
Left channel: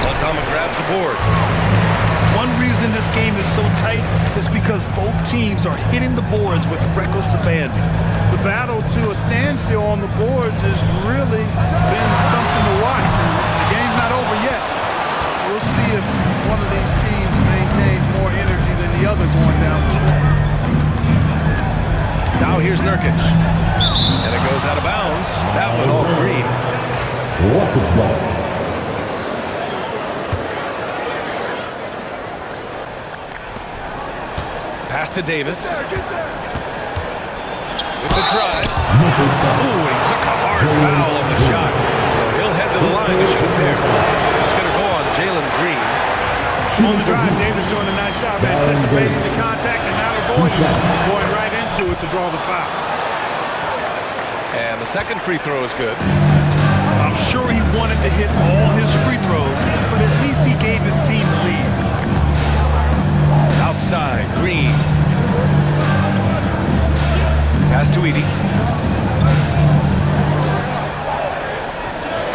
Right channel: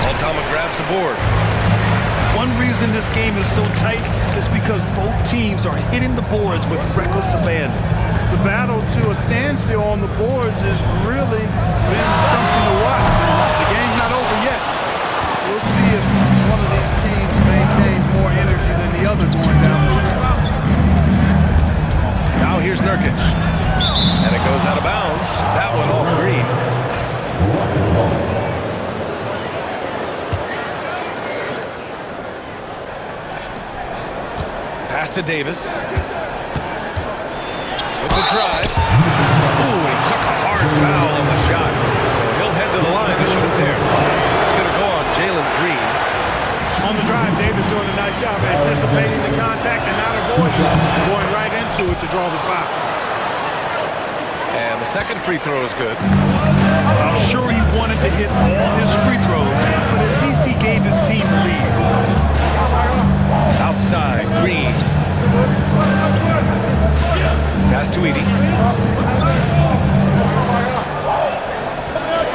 Aldama grabs the board. One reason this game is so tight is because both teams are hitting the boards with reckless abandon. The battle to a standstill on the boards has really been something to watch. And the game's not over yet. We'll see if one of these teams maintains more energy than the other going down the stretch. Now here's Nurkic. And it goes out of bounds. That one off Green. Rockets ball. Pass to Davis. With the drive. Ooh, he took a hard foul on the shot. So he'll head to the line to shoot a pair. It's going to go on Jalen Green. On the drive, Davis doing a nice job anticipating the contact and not avoiding it, going right into it to draw the foul. And the second free throw is good. I'm sure he wanted to hit all his free throws, but at least he gave his team the lead. Outside, Green. Pass to Edey.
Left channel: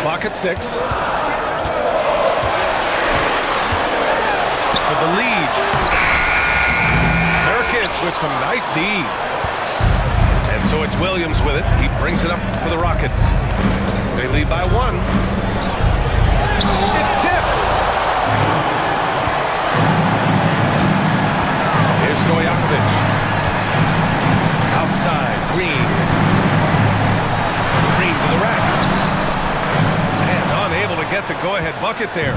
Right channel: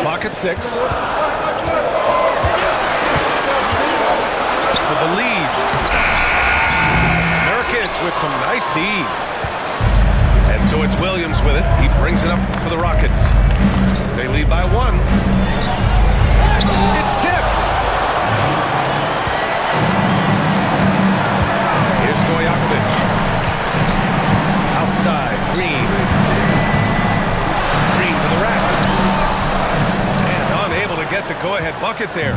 Clock at 6. For the lead. Nurkic with some nice D. And so it's Williams with it. He brings it up for the Rockets. They lead by 1. It's tipped. Here's Stojakovic. Outside, Green. Green to the rack. And unable to get the go-ahead bucket there.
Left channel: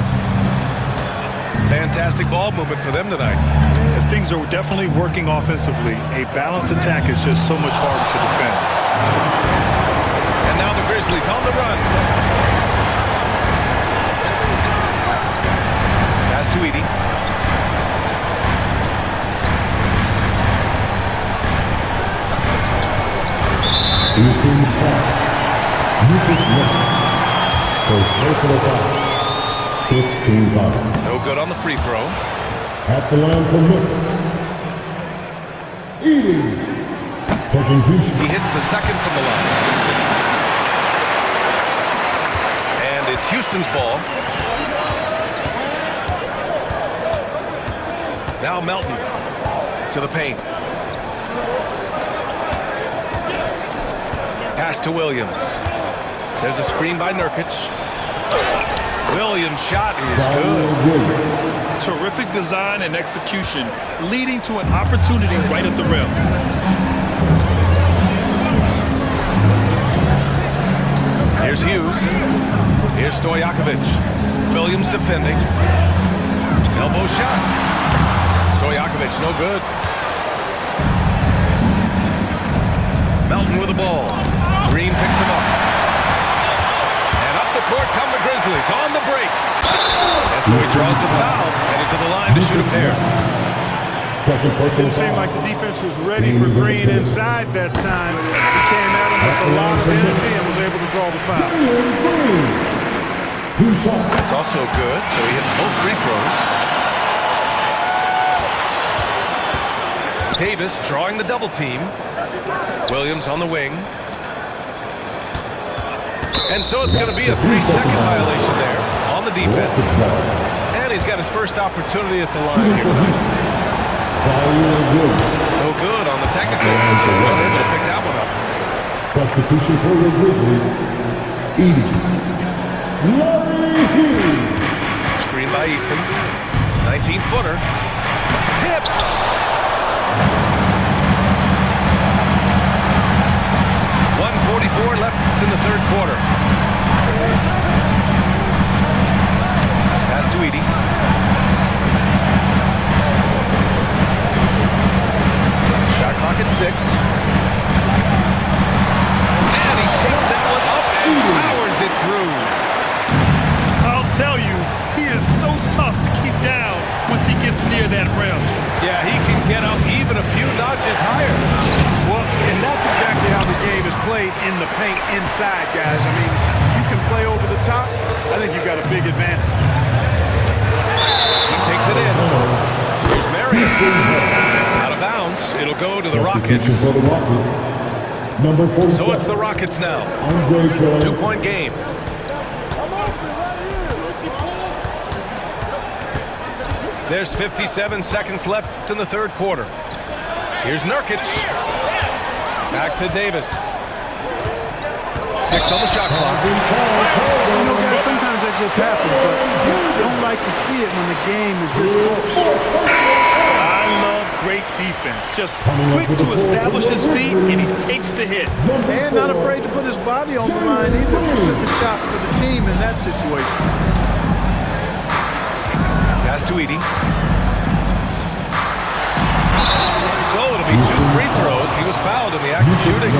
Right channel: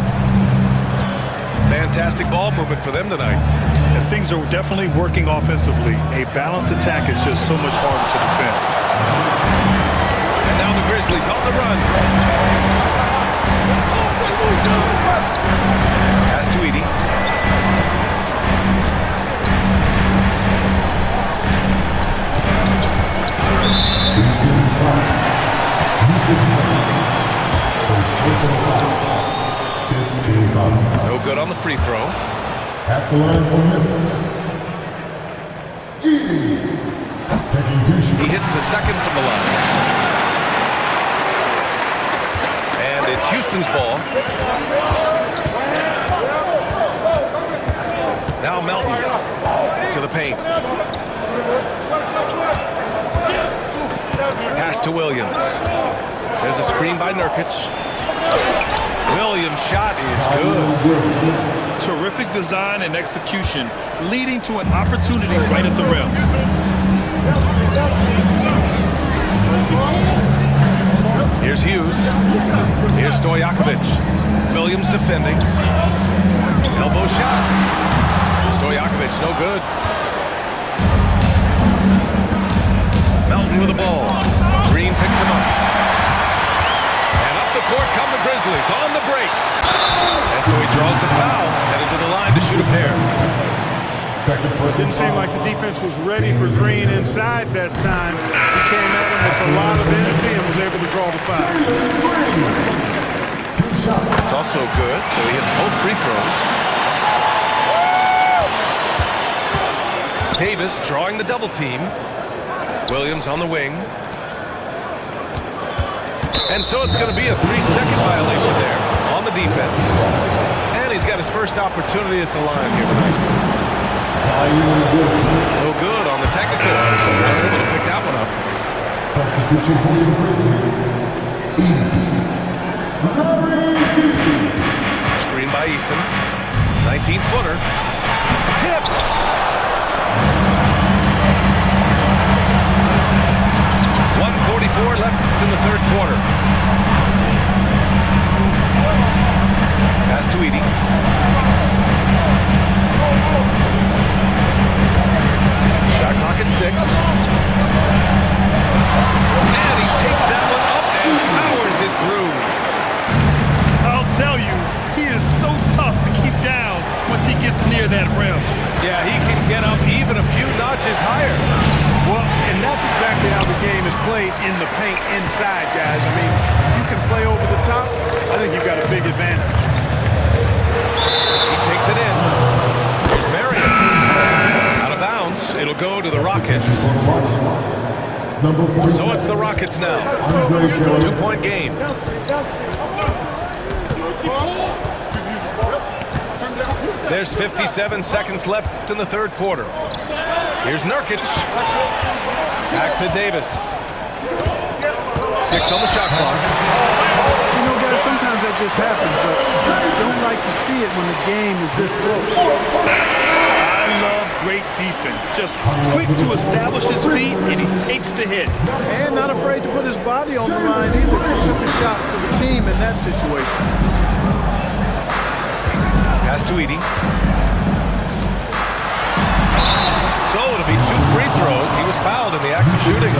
Fantastic ball movement for them tonight. And things are definitely working offensively. A balanced attack is just so much harder to defend. And now the Grizzlies on the run. Pass to Edey. Houston's foul. Yusuf Nurkic. First personal foul. 15 foul. No good on the free throw. At the line for Memphis. Edey. Taking 2 shots. He hits the second from the line. And it's Houston's ball. Now Melton to the paint. Pass to Williams. There's a screen by Nurkic. Williams' shot is good. Terrific design and execution, leading to an opportunity right at the rim. Here's Hughes. Here's Stojakovic. Williams defending. Elbow shot. Stojakovic, no good. Melton with the ball. Green picks him up. And up the court come the Grizzlies on the break. And so he draws the foul, headed to the line to shoot a pair. Second personal Didn't seem foul. like the defense was ready for Green inside that time. He came at him with a lot of energy and was able to draw the foul. Green. 2 shots. It's also good, so he hits both free throws. Davis drawing the double team. Williams on the wing. And so it's going to be a 3-second violation there on the defense. And he's got his first opportunity at the line here tonight. No good on the technical, so unable to pick that one up. Substitution for your Grizzlies. Edey. Larry Edey. Screen by Eason. 19-footer. Tipped. .144 left in the third quarter. Pass to Edey. Shot clock at 6. And he takes that one up and powers it through. I'll tell you, he is so tough to keep down once he gets near that rim. Yeah, he can get up even a few notches higher. Well, and that's exactly how the game is played in the paint inside, guys. I mean, you can play over the top. I think you've got a big advantage. He takes it in. Here's Marion. Out of bounds. timeouts. It'll go to the Rockets. For the Rockets, number 47. So it's the Rockets now. Andre Taylor. 2-point game. There's 57 seconds left in the third quarter. Here's Nurkic. Back to Davis. 6 on the shot clock. You know, guys, sometimes that just happens, but you don't like to see it when the game is this close. I love great defense. Just quick to establish his feet, and he takes the hit. And not afraid to put his body on the line either. He took a shot for the team in that situation. Pass to Edey. So it'll be 2 free throws. He was fouled in the act of shooting.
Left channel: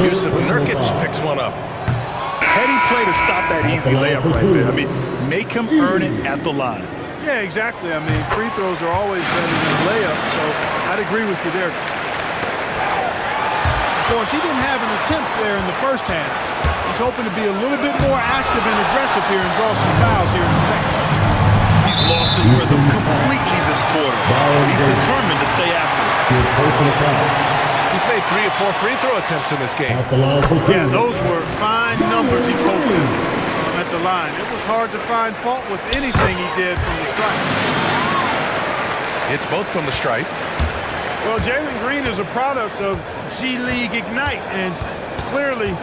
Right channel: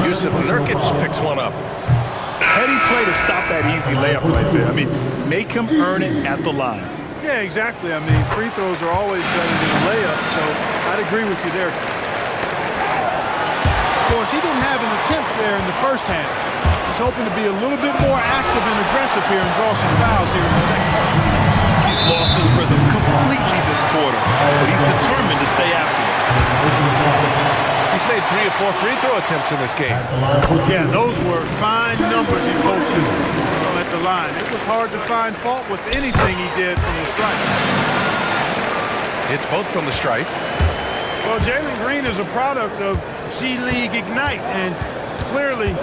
Yusuf Nurkic picks one up. Heady play to stop that easy layup right there. I mean, make him earn it at the line. Yeah, exactly. I mean, free throws are always better than a layup, so I'd agree with you there. Of course, he didn't have an attempt there in the first half. He's hoping to be a little bit more active and aggressive here and draw some fouls here in the second. He's lost his rhythm completely this quarter, but he's determined to stay after it. He's made 3 or 4 free throw attempts in this game. Yeah, those were fine numbers he posted at the line. It was hard to find fault with anything he did from the stripe. It's both from the stripe. Well, Jalen Green is a product of G League Ignite and clearly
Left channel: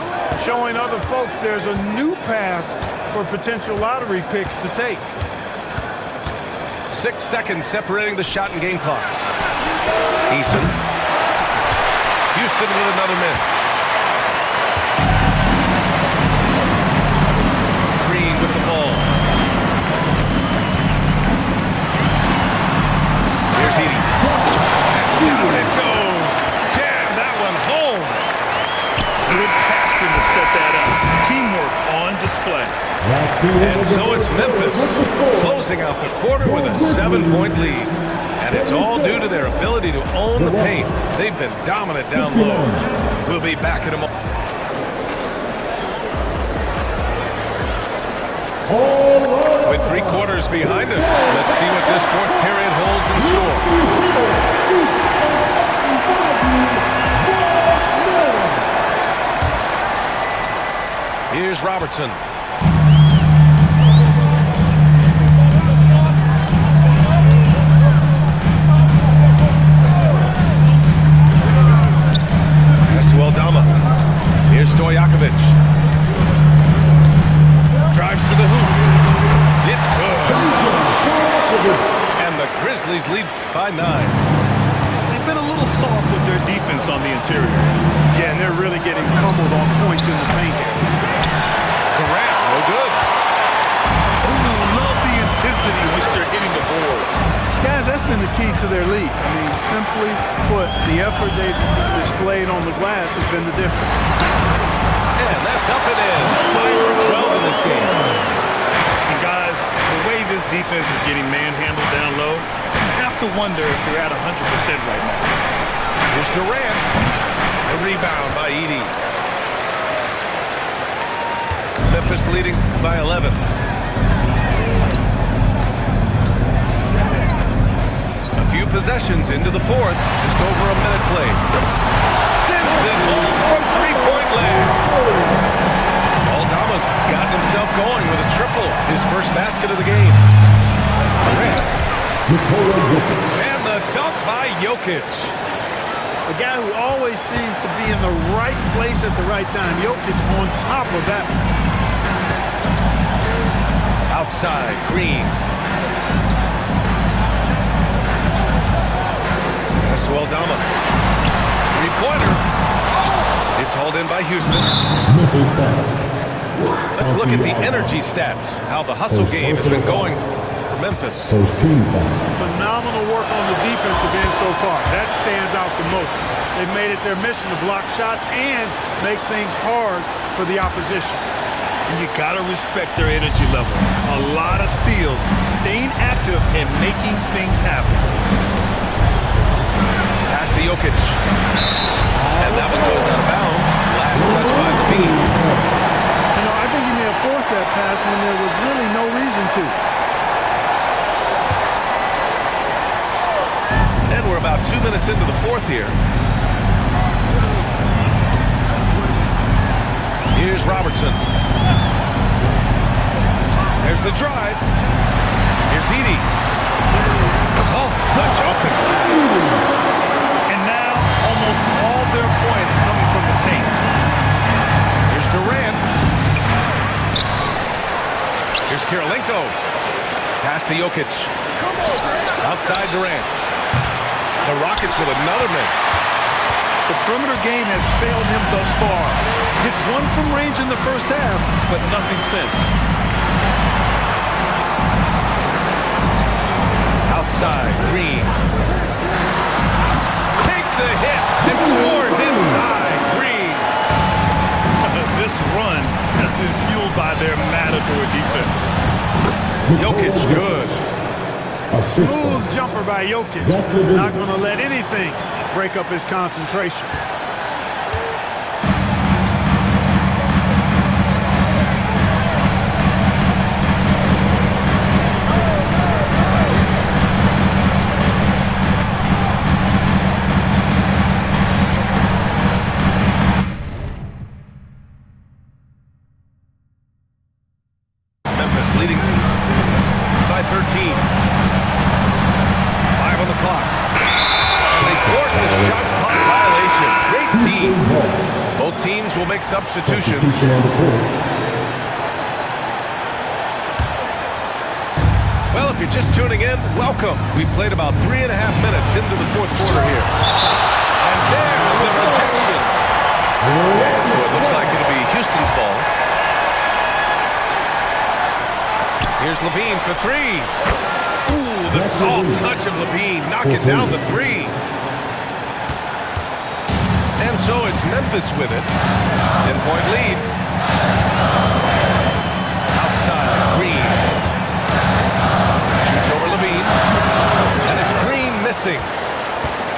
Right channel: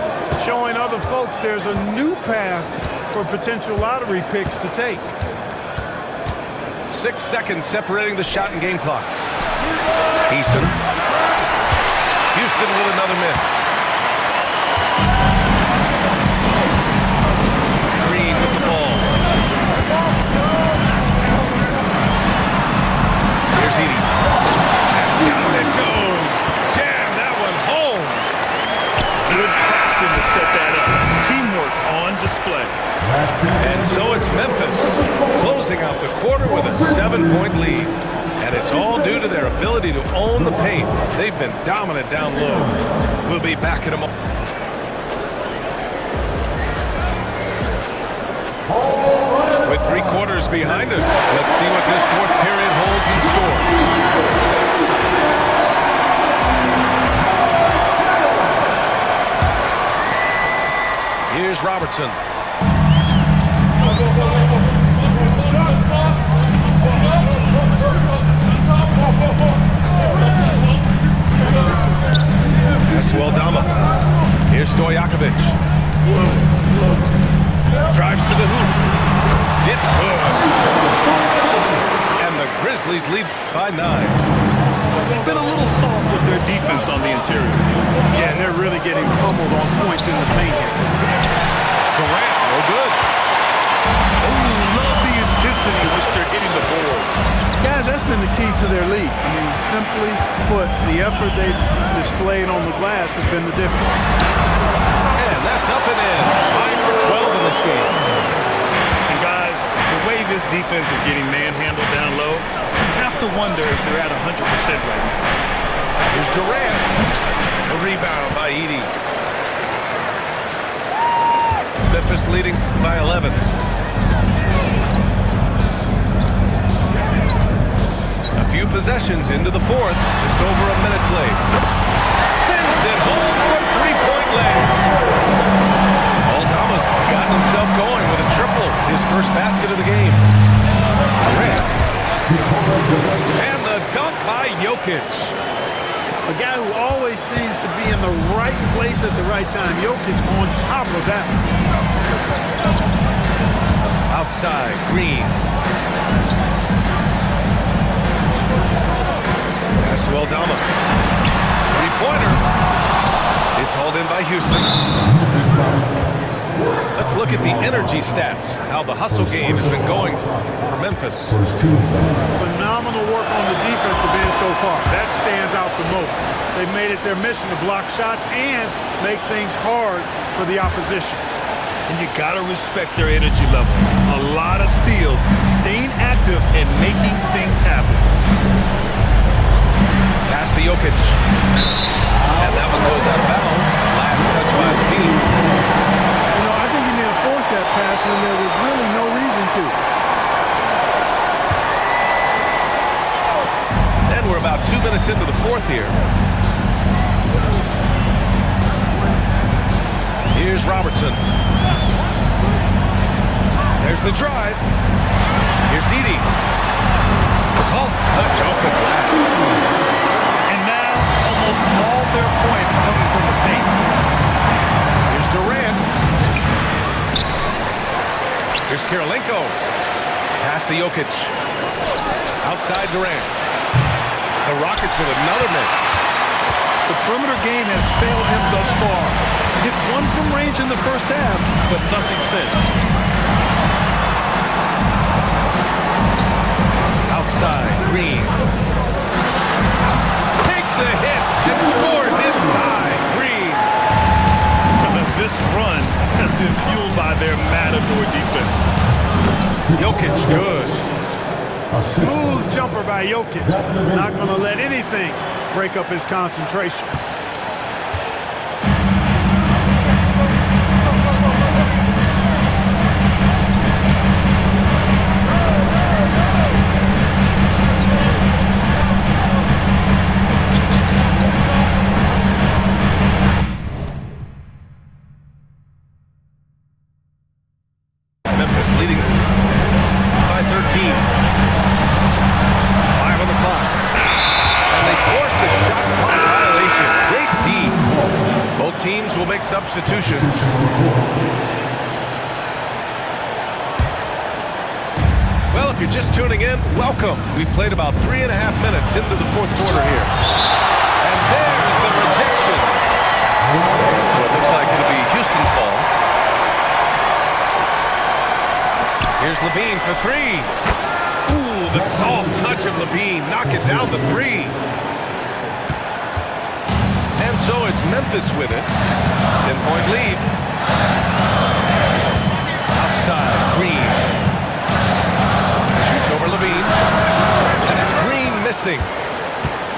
showing other folks there's a new path for potential lottery picks to take. 6 seconds separating the shot and game clocks. Eason. Houston with another miss. Green with the ball. Here's Edey. And down it goes. Jam that one home. Good passing to set that up. Teamwork on display. And so it's Memphis closing out the quarter with a 7-point lead. And it's all due to their ability to own the paint. They've been dominant down low. We'll be back in a moment. With 3 quarters behind us, let's see what this 4th period holds in store. Here's Robertson. Pass to Aldama. Here's Stojakovic. Drives to the hoop. It's good. And the Grizzlies lead by 9. They've been a little soft with their defense on the interior. Yeah, and they're really getting pummeled on points in the paint here. Durant, no good. Oh, love the intensity in which they're hitting the boards. Guys, that's been the key to their lead. I mean, simply put, the effort they've displayed on the glass has been the difference. And that's up and in. 5 for 12 in this game. And guys, the way this defense is getting manhandled down low, you have to wonder if they're at 100% right now. Here's Durant. The rebound by Edey. Memphis leading by 11. A few possessions into the 4th. Just over a minute played. Sends it home from 3-point land. Aldama's gotten himself going with a triple. His first basket of the game. Durant. And the dunk by Jokic. A guy who always seems to be in the right place at the right time. Jokic on top of that. Outside, Green. Pass to Aldama. 3-pointer. It's hauled in by Houston. Let's look at the energy stats. How the hustle game has been going for Memphis. Phenomenal work on the defensive end so far. That stands out the most. They've made it their mission to block shots and make things hard for the opposition. And you gotta respect their energy level. A lot of steals, staying active and making things happen. Pass to Jokic. And that one goes out of bounds. Last touch by Levine. You know, I think he may have forced that pass when there was really no reason to. And we're about 2 minutes into the fourth here. Here's Robertson. There's the drive. Here's Edey. Soft touch off the glass. And now almost all their points coming from the paint. Here's Durant. Here's Kirilenko. Pass to Jokic. Outside Durant. The Rockets with another miss. The perimeter game has failed him thus far. Hit one from range in the first half, but nothing since. Outside, Green. Takes the hit and scores inside, Green. This run has been fueled by their Matador defense. Jokic, good. Smooth jumper by Jokic. Not going to let anything break up his concentration. Memphis leading by 13. 5 on the clock. And they forced the shot clock violation. Great D. Both teams will make substitutions. Well, if you're just tuning in, welcome. We've played about 3.5 minutes into the fourth quarter here. And there's the rejection. And so it looks like it'll be Houston's ball. Here's LaVine for three. Ooh, the soft touch of LaVine knocking down the three. And so it's Memphis with it. 10-point lead. Outside, Green. Shoots over LaVine. And it's Green missing.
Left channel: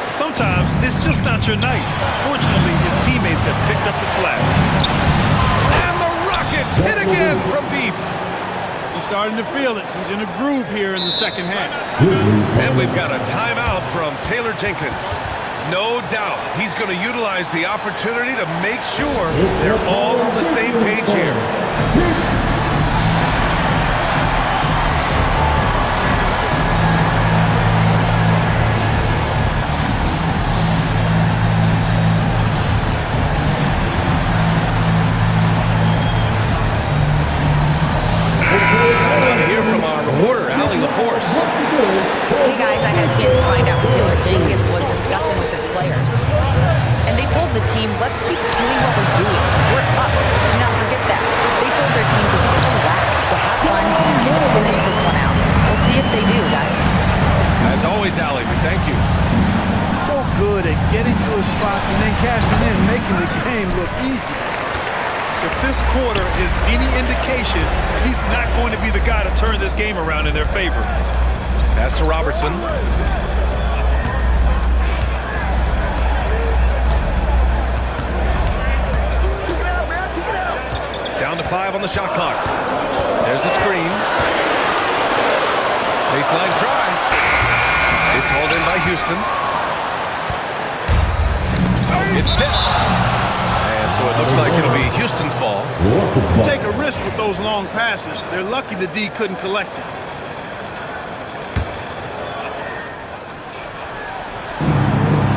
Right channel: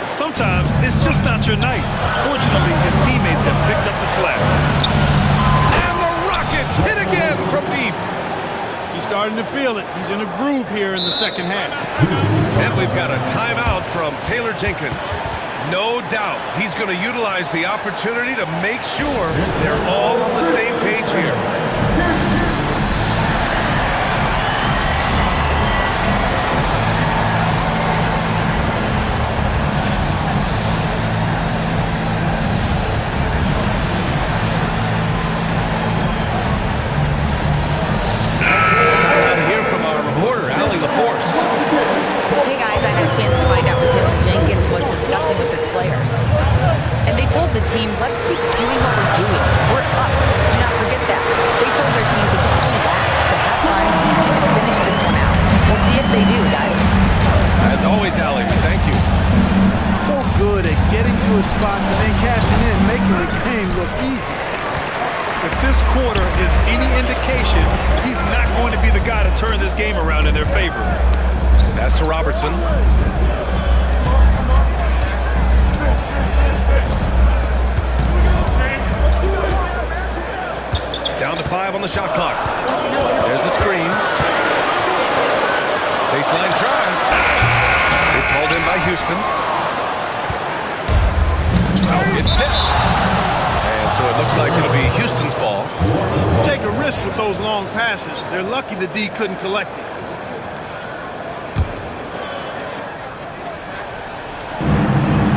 Sometimes it's just not your night. Fortunately, his teammates have picked up the slack. And the Rockets hit again from deep. He's starting to feel it. He's in a groove here in the second half. And we've got a timeout from Taylor Jenkins. No doubt he's going to utilize the opportunity to make sure they're all on the same page here. Reporter Allie LaForce. Hey guys, I had a chance to find out what Taylor Jenkins was discussing with his players. And they told the team, let's keep doing what we're doing. We're up. Do not forget that. They told their team to just relax, to have fun, and to finish this one out. We'll see if they do, guys. As always, Allie, we thank you. So good at getting to his spots and then cashing in, making the game look easy. If this quarter is any indication, he's not going to be the guy to turn this game around in their favor. Pass to Robertson. Down to 5 on the shot clock. There's a screen. Baseline try. It's hauled in by Houston. It's tipped. And so it looks like it'll be Houston's ball. Take a risk with those long passes. They're lucky the D couldn't collect it.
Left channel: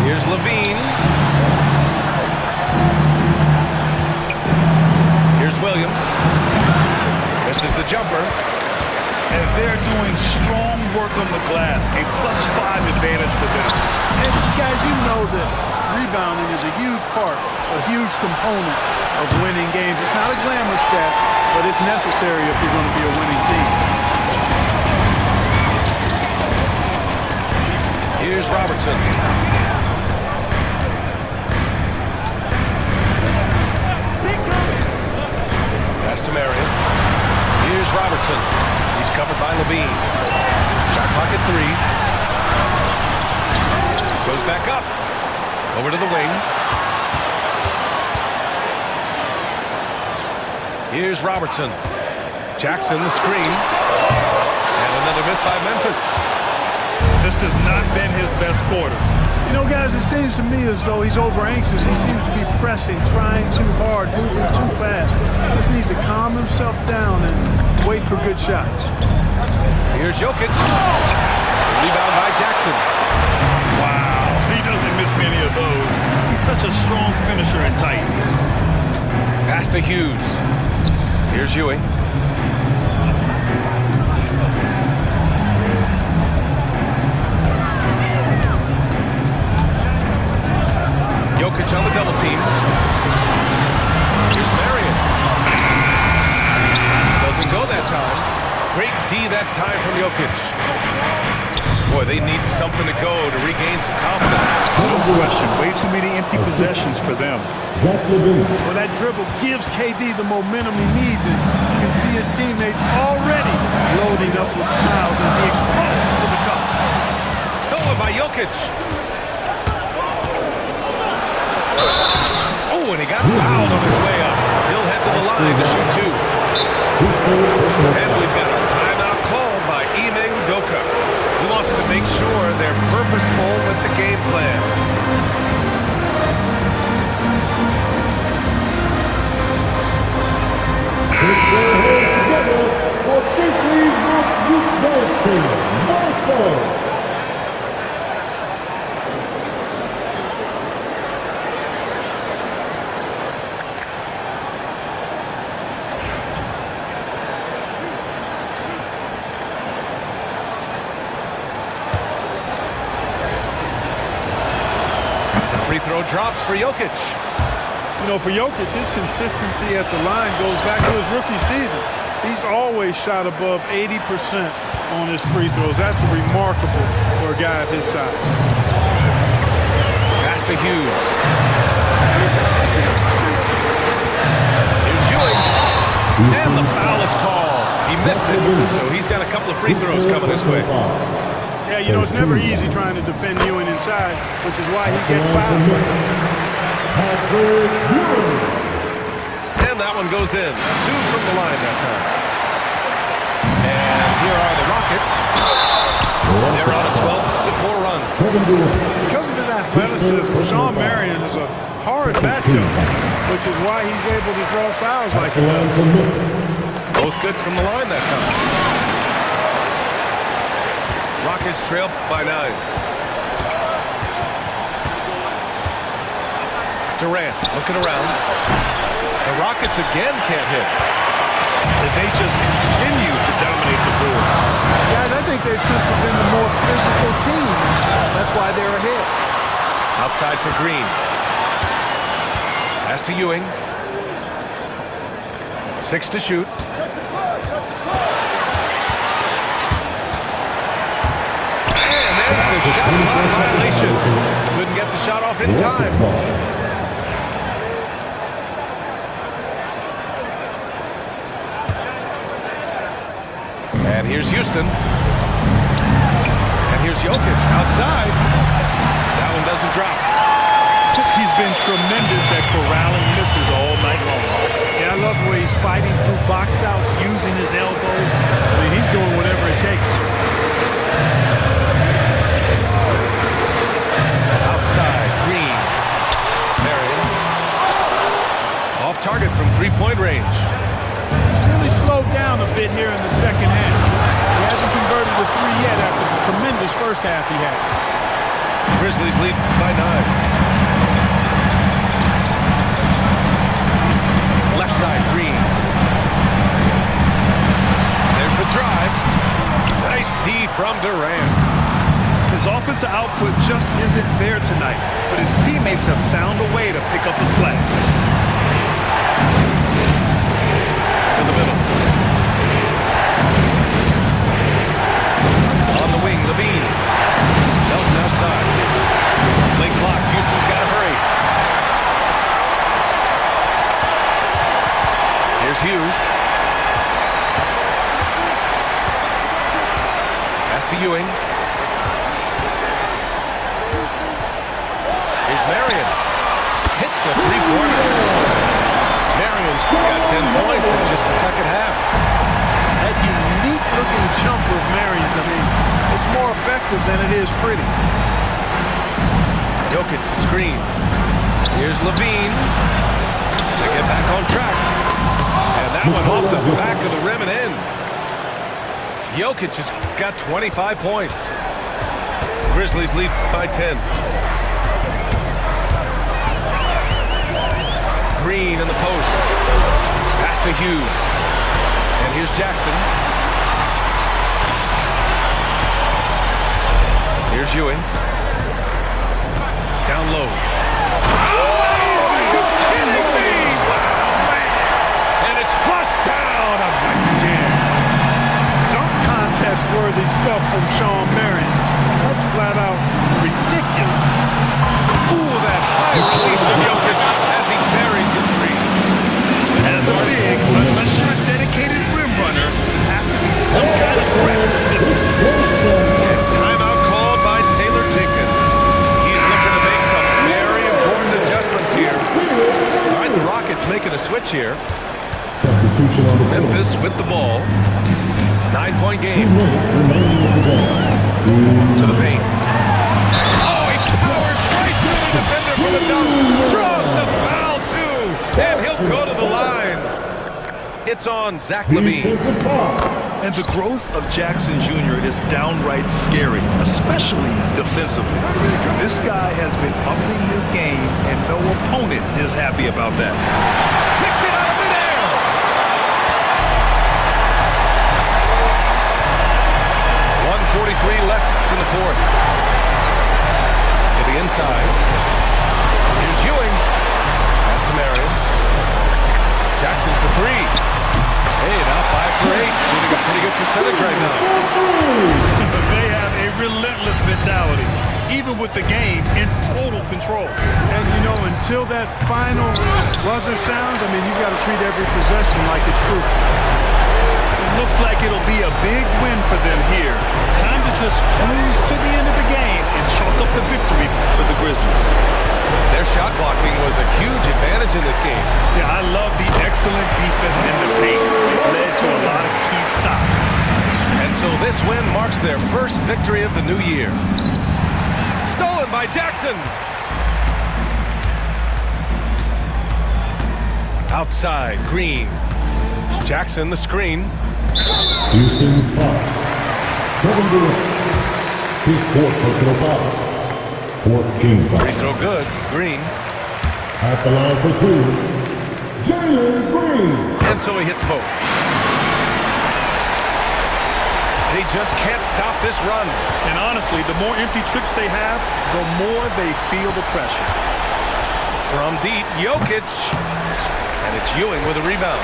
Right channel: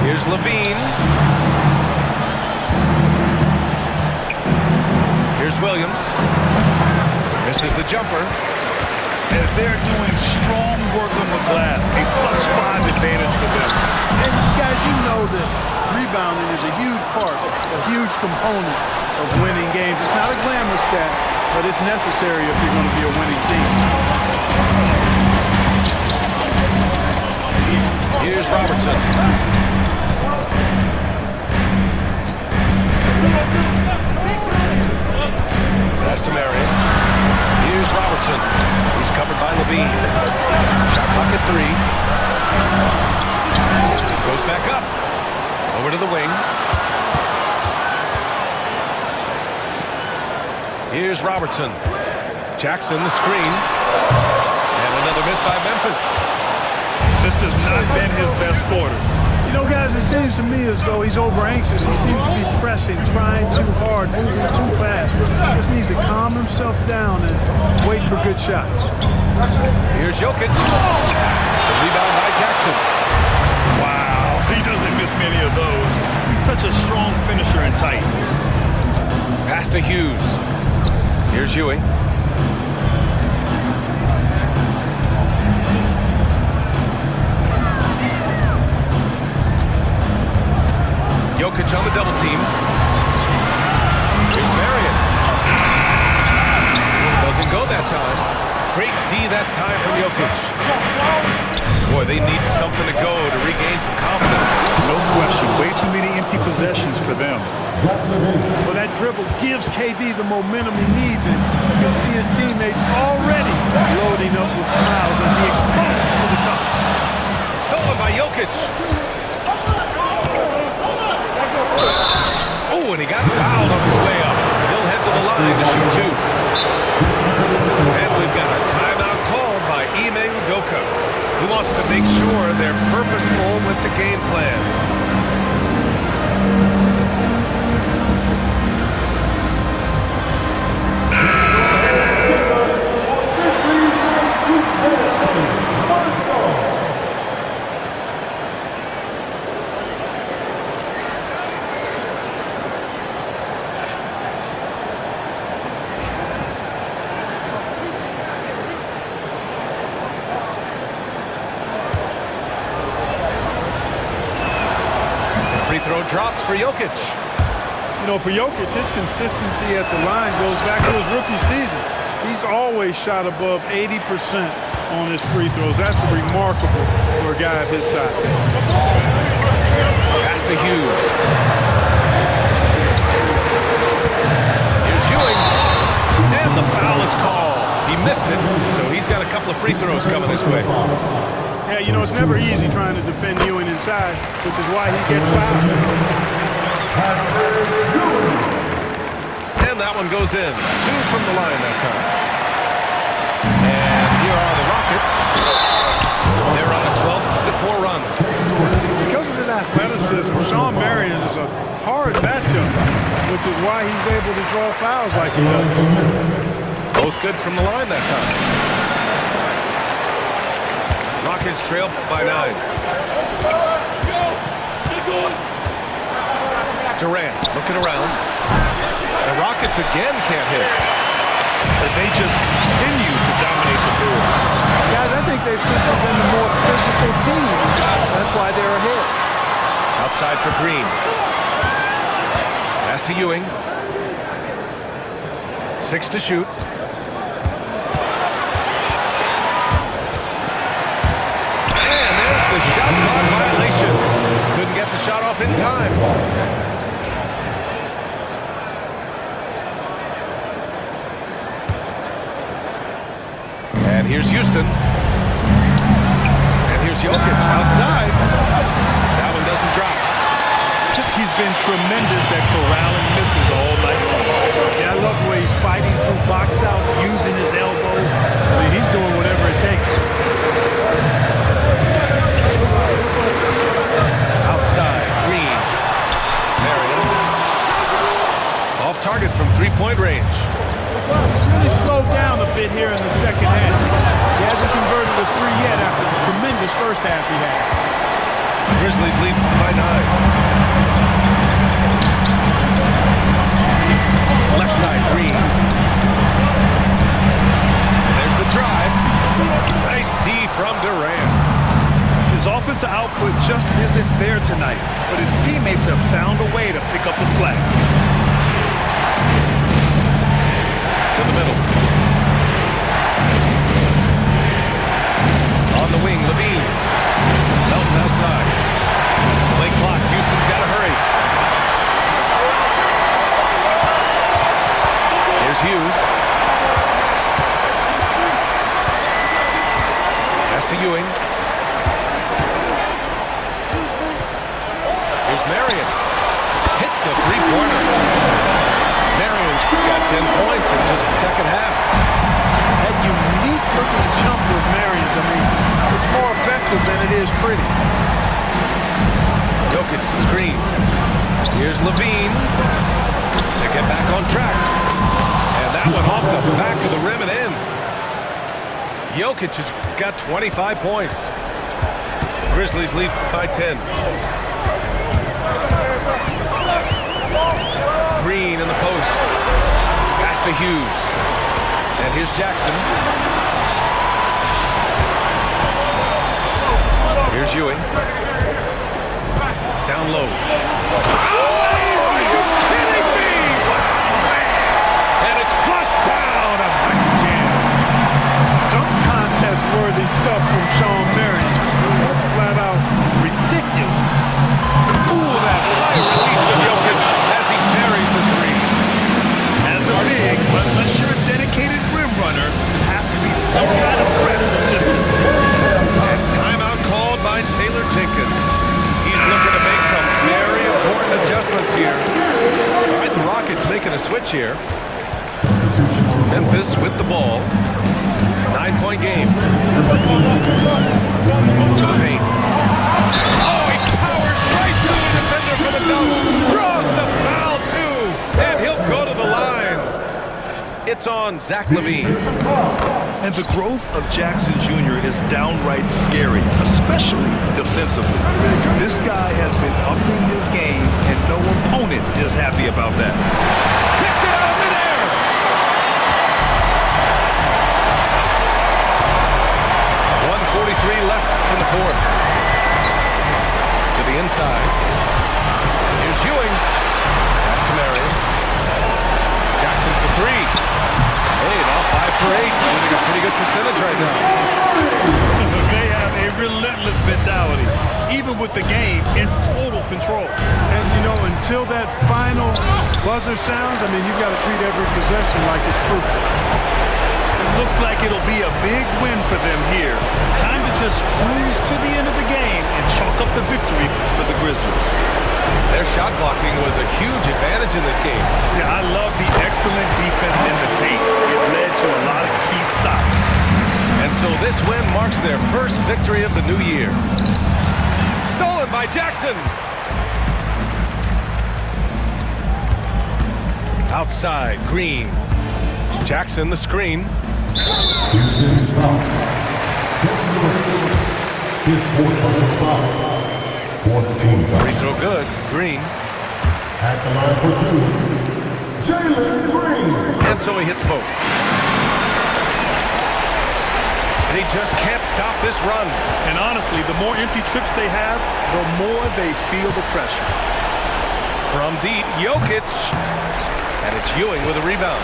Here's LaVine. Here's Williams. Misses the jumper. And they're doing strong work on the glass. A +5 advantage for them. And guys, you know that rebounding is a huge part, a huge component of winning games. It's not a glamorous stat, but it's necessary if you're going to be a winning team. Here's Robertson. Pass to Marion. Here's Robertson. He's covered by LaVine. Shot clock at 3. Goes back up. Over to the wing. Here's Robertson. Jackson the screen. And another miss by Memphis. The This has not been his best quarter. You know, guys, it seems to me as though he's over-anxious. He seems to be pressing, trying too hard, moving too fast. He just needs to calm himself down and wait for good shots. Here's Jokic. The rebound by Jackson. Wow, he doesn't miss many of those. He's such a strong finisher and tight. Pass to Hughes. Here's Ewing. Jokic on the double team. Here's Marion. Doesn't go that time. Great D that time from Jokic. Boy, they need something to go to regain some confidence. No question. Way too many empty possessions for them. Well, that dribble gives KD the momentum he needs, and you can see his teammates already loading up with smiles as he explodes to the cup. Stolen by Jokic. Oh, and he got fouled on his way up. He'll head to the line to shoot two. And we've got a timeout called by Ime Udoka. He wants to make sure they're purposeful with the game plan. Free throw drops for Jokic. You know, for Jokic, his consistency at the line goes back to his rookie season. He's always shot above 80% on his free throws. That's remarkable for a guy of his size. Pass to Hughes. Here's Ewing. And the foul is called. He missed it, so he's got a couple of free throws coming his way. Yeah, you know, it's never easy trying to defend Ewing inside, which is why he gets fouled. And that one goes in. Two from the line that time. And here are the Rockets. They're on a 12-4 run. Because of his athleticism, Shawn Marion is a hard matchup, which is why he's able to draw fouls like he does. Both good from the line that time. Rockets trail by 9. Durant looking around. The Rockets again can't hit. But they just continue to dominate the boards. Guys, I think they've simply been the more physical team. That's why they're ahead. Outside for Green. Pass to Ewing. 6 to shoot. And there's the shot clock violation. Couldn't get the shot off in time. And here's Houston. And here's Jokic outside. That one doesn't drop. He's been tremendous at corralling misses all night long. Yeah, I love the way he's fighting through box outs, using his elbow. I mean, he's doing whatever it takes. Outside, Green. Marion. Off target from three-point range. He's really slowed down a bit here in the second half. He hasn't converted a three yet after the tremendous first half he had. Grizzlies lead by 9. Left side, Green. There's the drive. Nice D from Durant. His offensive output just isn't there tonight, but his teammates have found a way to pick up the slack. To the middle. On the wing, Levine. Melton outside. Late clock. Houston's got to hurry. Here's Hughes. Pass to Ewing. Here's Marion. Hits a three-pointer. Marion's got 10 points in just the second half. That unique-looking jumper of Marion's, I mean, it's more effective than it is pretty. Jokic the screen. Here's Levine to get back on track. And that one off the back of the rim and in. Jokic has got 25 points. Grizzlies lead by 10. Green in the post. Pass to Hughes. And here's Jackson. Here's Ewing. Down low. Oh, are you kidding me? Wow, man. And it's flushed down. A nice jam. Dunk contest-worthy stuff from Shawn Marion. That's flat out ridiculous. Ooh, that high release of Jokic as he buries the three. As a big, unless you're a dedicated rim runner, you have to be some kind of threat from distance. And timeout called by Taylor Jenkins. He's looking to make some very important adjustments here. All right, the Rockets making a switch here. Substitution on the floor. Memphis with the ball. 9-point game. To the paint. Oh, he powers right through the defender for the dunk. Draws the foul, too. And he'll go to the line. It's on Zach LaVine. And the growth of Jackson Jr. is downright scary, especially defensively. This guy has been upping his game, and no opponent is happy about that. Picked it out of midair. 1:43 left in the fourth. To the inside. Here's Ewing. Pass to Marion. Jackson for three. Hey, now 5 for 8. Shooting a pretty good percentage right now. They have a relentless mentality, even with the game in total control. And, you know, until that final buzzer sounds, I mean, you've got to treat every possession like it's crucial. It looks like it'll be a big win for them here. Time to just cruise to the end of the game and chalk up the victory for the Grizzlies. Their shot blocking was a huge advantage in this game. Yeah, I love the excellent defense in the paint. It led to a lot of key stops. And so this win marks their first victory of the new year. Stolen by Jackson. Outside, Green. Jackson the screen. Houston's foul. Kevin Durant. His fourth personal foul. 14 foul. Free throw good. Green. At the line for two. Jalen Green. And so he hits both. And he just can't stop this run. And honestly, the more empty trips they have, the more they feel the pressure. From deep, Jokic. And it's Ewing with a rebound.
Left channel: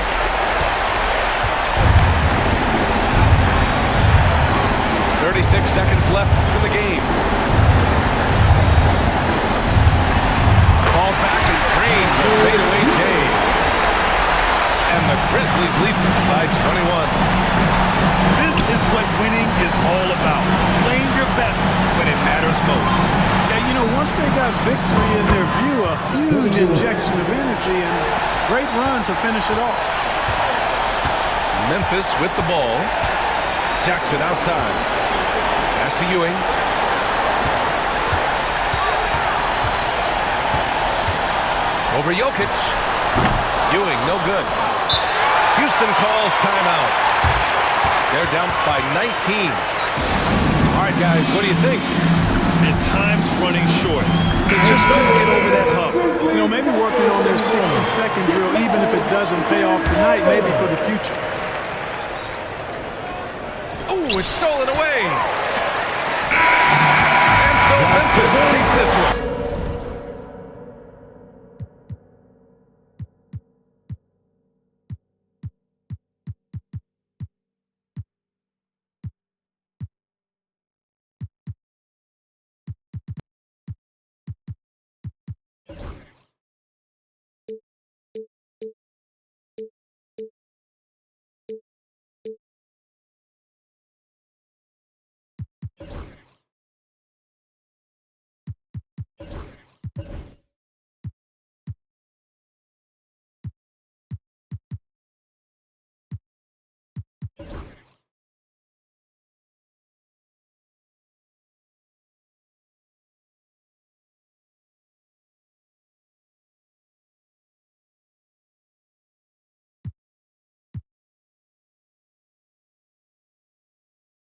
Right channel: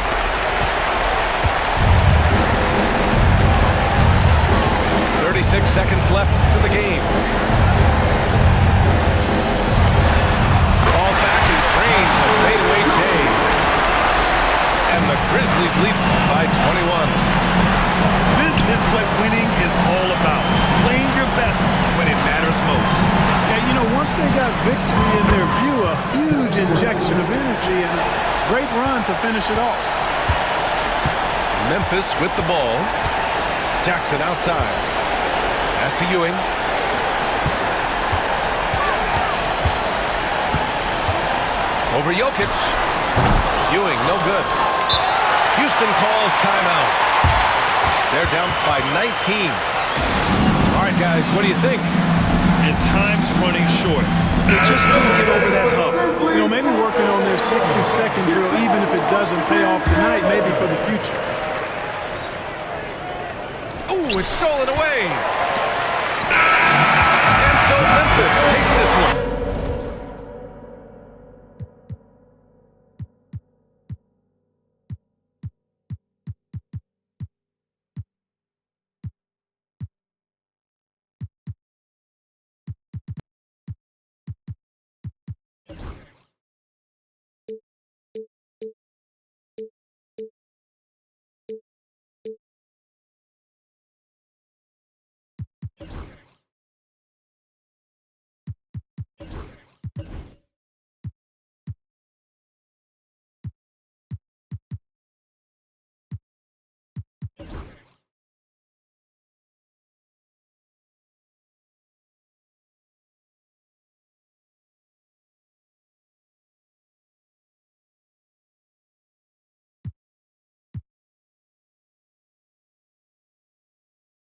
.36 seconds left in the game. Falls back and drains a fadeaway J. And the Grizzlies lead by 21. This is what winning is all about. Playing your best when it matters most. Yeah, you know, once they got victory in their view, a huge injection of energy and a great run to finish it off. Memphis with the ball. Jackson outside. Pass to Ewing. Over Jokic. Ewing, no good. Houston calls timeout. They're down by 19. All right, guys, what do you think? And time's running short. They just couldn't get over that hump. You know, maybe working on their 60-second drill, even if it doesn't pay off tonight, maybe for the future. Ooh, it's stolen away. And so Memphis takes this one.